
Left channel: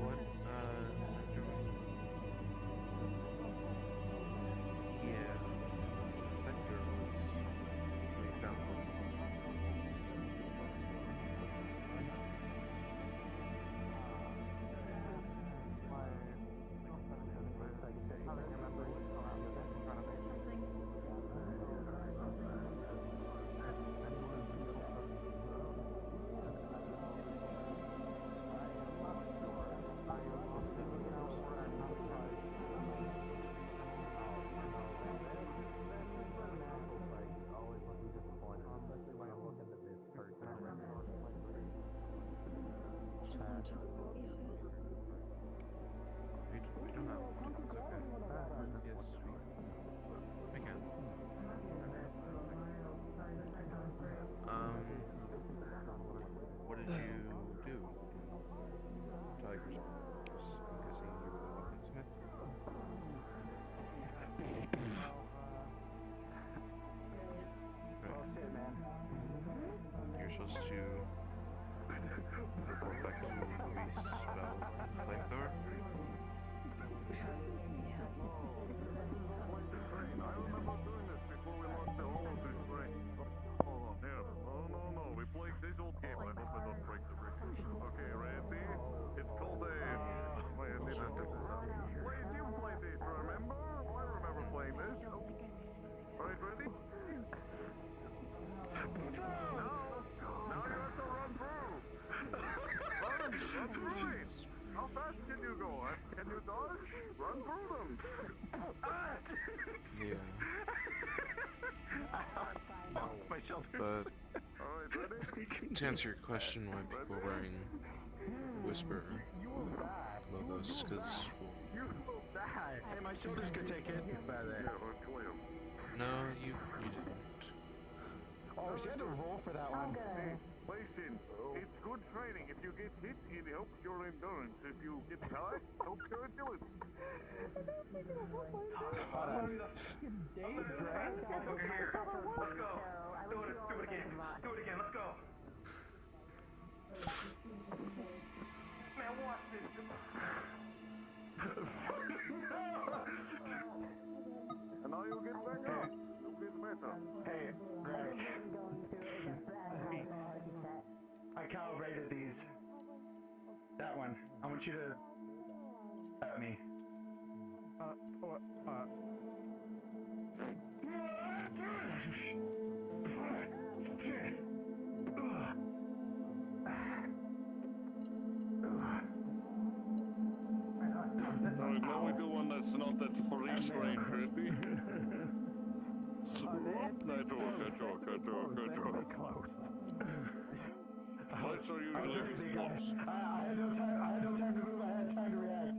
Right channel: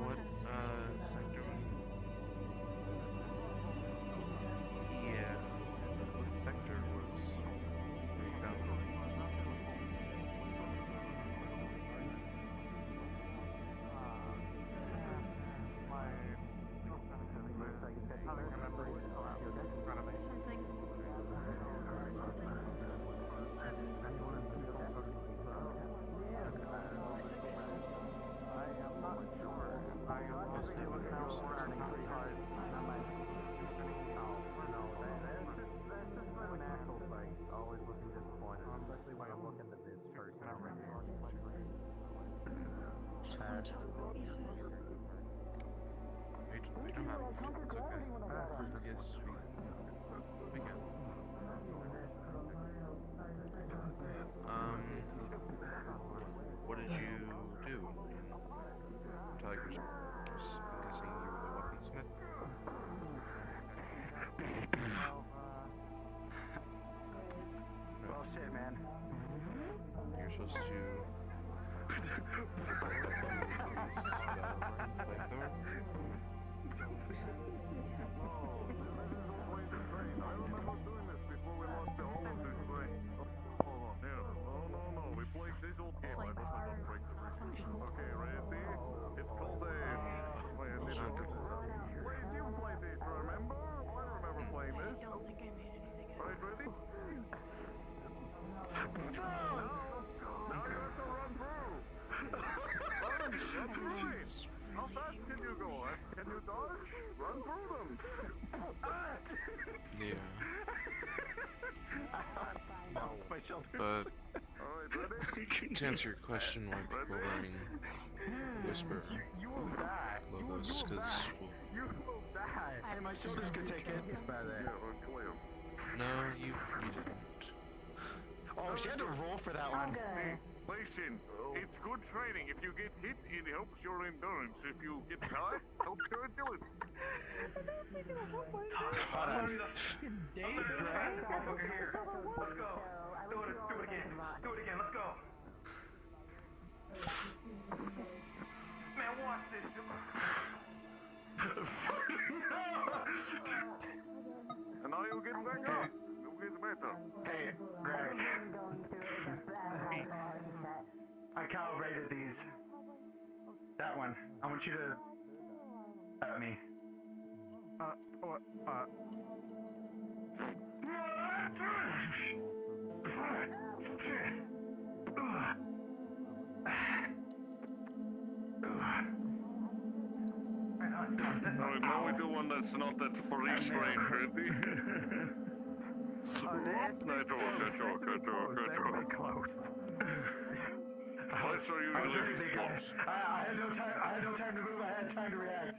What sector was it? Yeah. What sector was where you found them? What did you do in Tigers? I'm guessing you were the weaponsmith. Right. You're supposed to report back to police about the flamethrower. I remember doing this before we lost the hollow to Frank. Hold on, here. Oh, no, we played this old game. I hope I don't break the But to answer your question, why people are wearing whisper above us? Because Hey, my shoulders could take hits by that. no, you didn't. Oh, she had to roll for that one. Hey, listen, it's good training. If you get hit, it helps your endurance. If you get high, it helps your agility. Hold on. Here, let's go. Do it again. Do it again. Let's go. Man, watch this. And now you'll get back up. You'll get better. Hey, Greg. I calibrated these. That one. I want you to at me. What? Alright, now we do one that's not that freeze frame ready. Nitro. Lights are usually close. I had no time to move, I had time to react.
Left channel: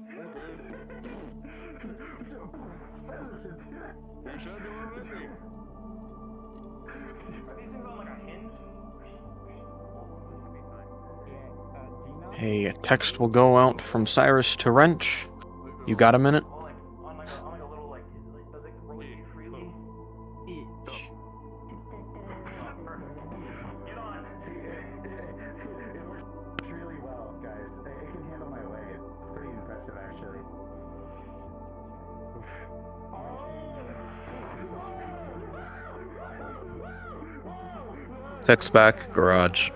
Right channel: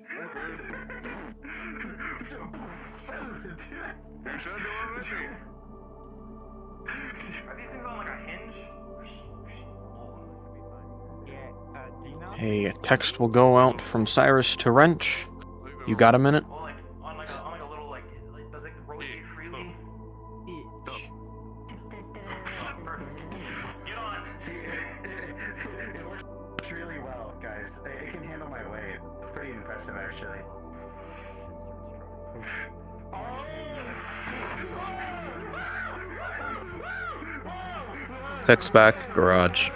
You said they were ready. Are these things on like a hinge? Hey, a text will go out from Cyrus to Wrench. You got a minute? On like a little like, does it rotate freely? Perfect. Get on. See, it works really well, guys. It can handle my weight. It's pretty impressive, actually. Text back, garage.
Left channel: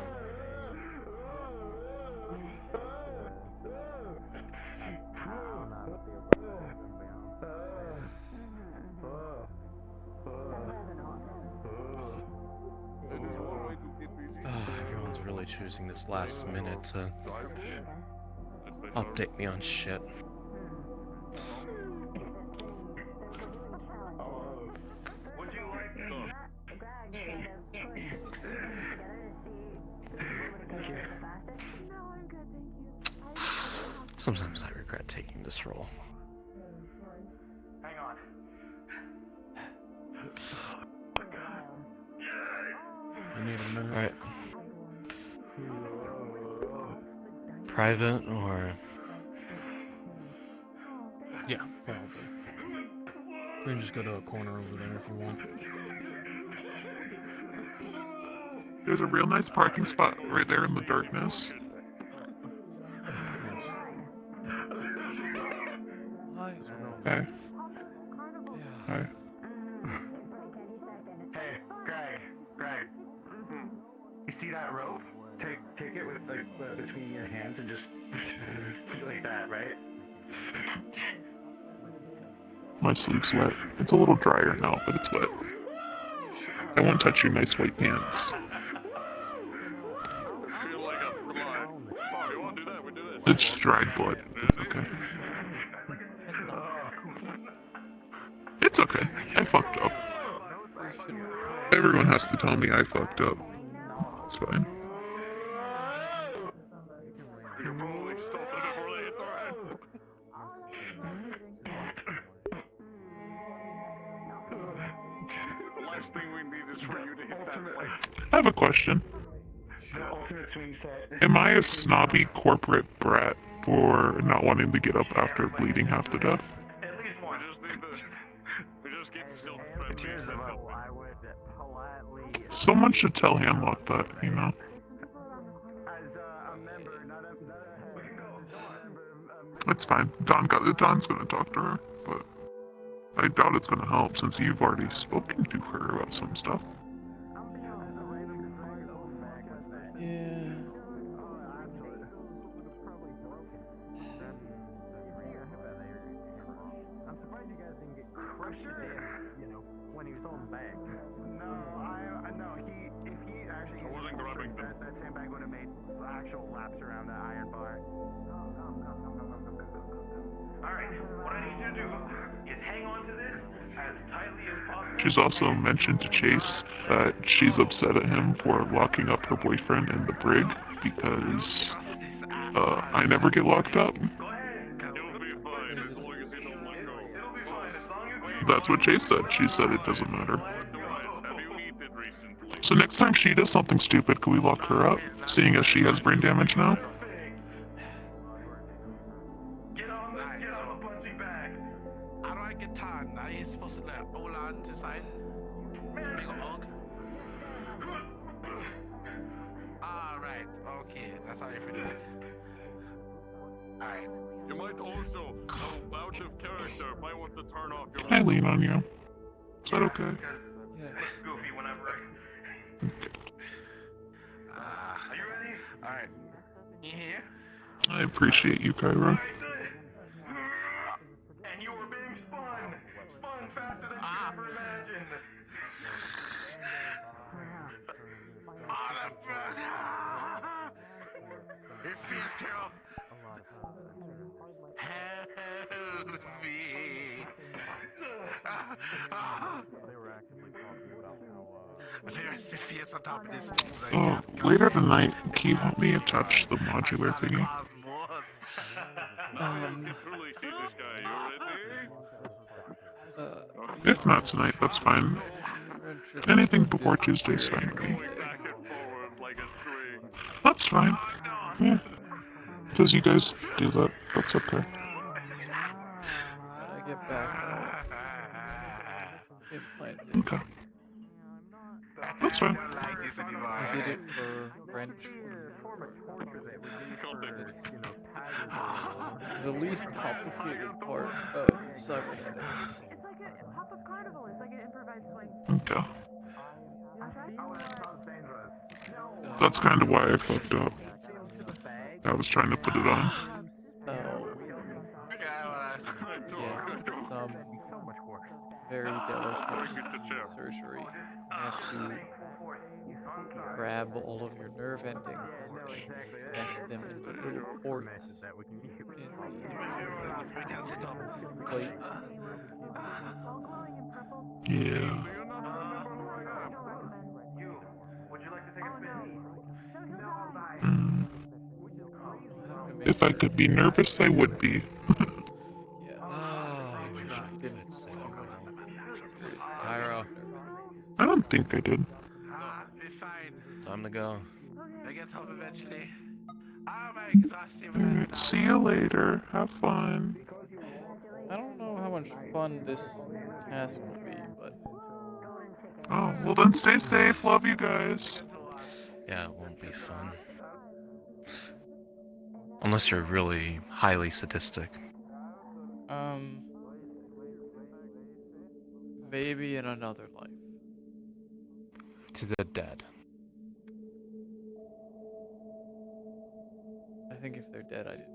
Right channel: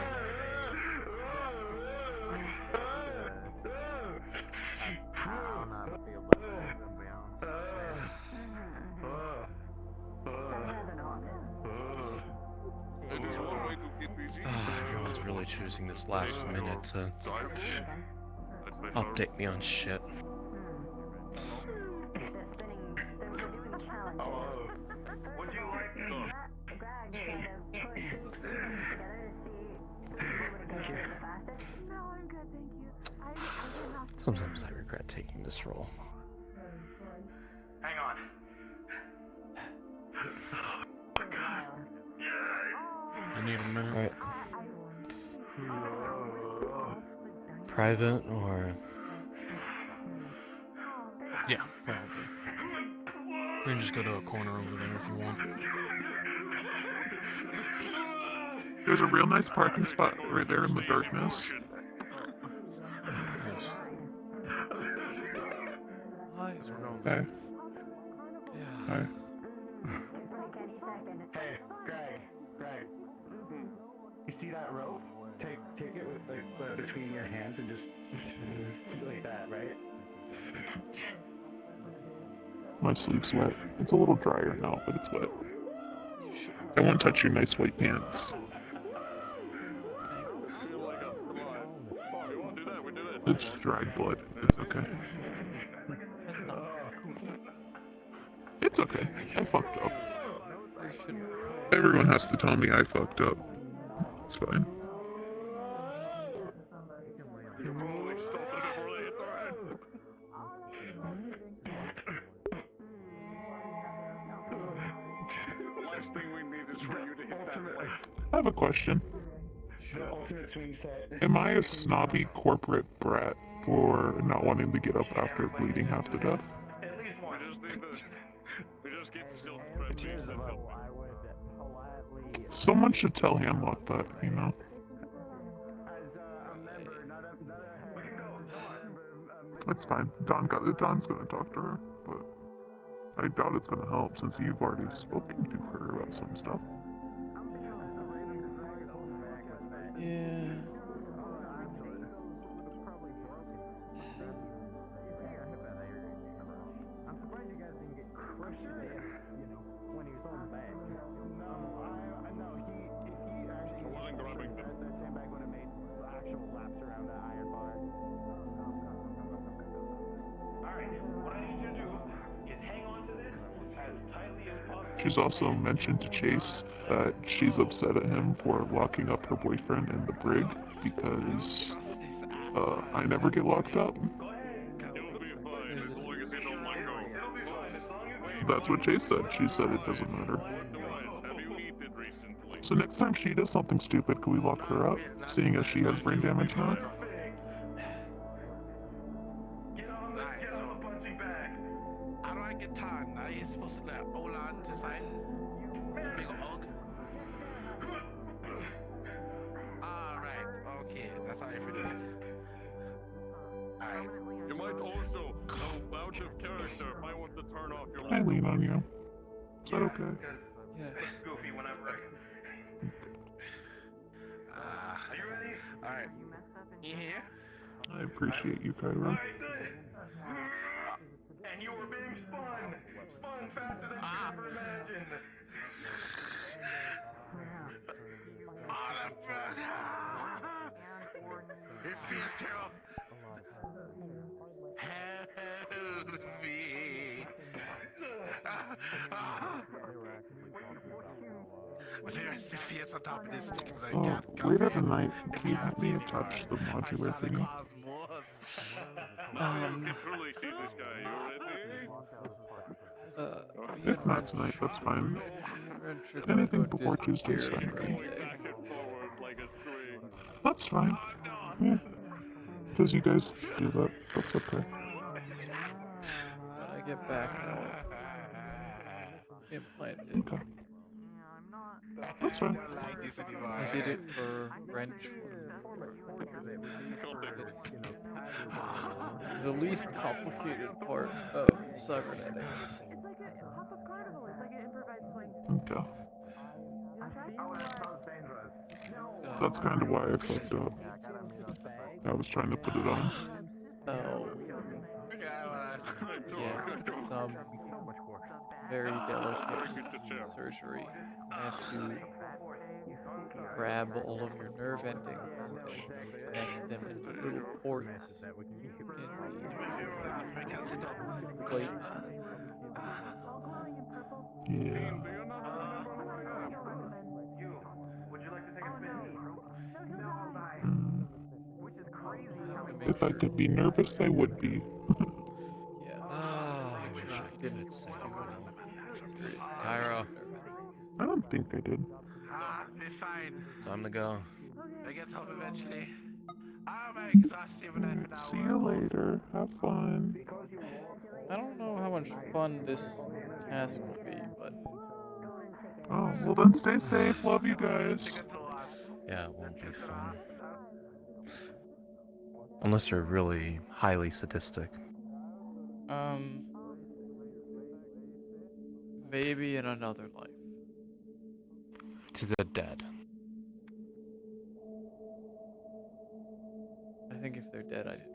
Everyone's really choosing this last minute to update me on shit. Would you like Sometimes I regret taking this role. Hang on. I need a minute. Alright. Private or... Yeah, probably. We can just go to a corner over there if you want. There's a real nice parking spot right there in the darkness. Yes. Hi. Hi. Hi. Hey, Greg. You see that rope? Take it with like between your hands and just like that, right? My sleeve's wet. It's a little drier now, but it's wet. I won't touch your nice white pants. It's dried blood. It's okay. It's okay. I fucked up. Everyone has to tell me I fucked up. It's fine. I have a question. Am I a snobby corporate brat for not wanting to get up after bleeding half to death? Someone should tell Hamlock that, you know? It's fine. Don's gonna talk to her, but I doubt it's gonna help since you've already spoken to her about some stuff. Yeah. I'm surprised you guys didn't get crushed to death, when he was on the bag. No, if he actually wasn't grabbing that same bag would have made actual laps around that iron bar. Alright, what I need you to do is hang on to this as tightly as possible. She's also mentioned to Chase that she's upset at him for locking up her boyfriend in the brig because I never get locked up. That's what Chase said. She said it doesn't matter. So next time she does something stupid, can we lock her up? Seeing as she has brain damage now? How do I get Todd? Now he's supposed to hold on to side. Big hug. Alright, okay, that's how you feel it. Alright. You might also, out of character, might want to turn off your. I lean on you. Is that okay? Yeah. Looks goofy whenever. Are you ready? Alright. You here? I appreciate you, Cairo. And you were being spun! Spun faster than you ever imagined! It feels terrible. Help me. There's the fears on top of this. Later tonight, can you help me attach the modular thingy? If not tonight, that's fine. Anything before Tuesday's fine with me. That's fine. Yeah. Because you guys do that. That's okay. When I get back, I'll implant it. Okay. That's fine. I did it for wrench once before. It's the least complicated part of cybernetics. Okay. That's kind of why I fucked up. I was trying to put it on. Oh. Yeah, it's very delicate surgery. I have to grab all of your nerve endings and connect them into little ports in the plate. Yeah. If I could be nervous, I would be. Yeah. I Make wish sure I you could didn't say do well. any serious Cairo. nerve endings. I don't think I did. Be fine. Time to go. I get home eventually. I'm exhausted with that Alright, see you later. Have fun. I don't know how much fun this task will be, but Oh, well then stay safe. Love you guys. Yeah, it won't be fun. Unless you're really highly sadistic. maybe in another life. To the dead. I think if they're dead, I didn't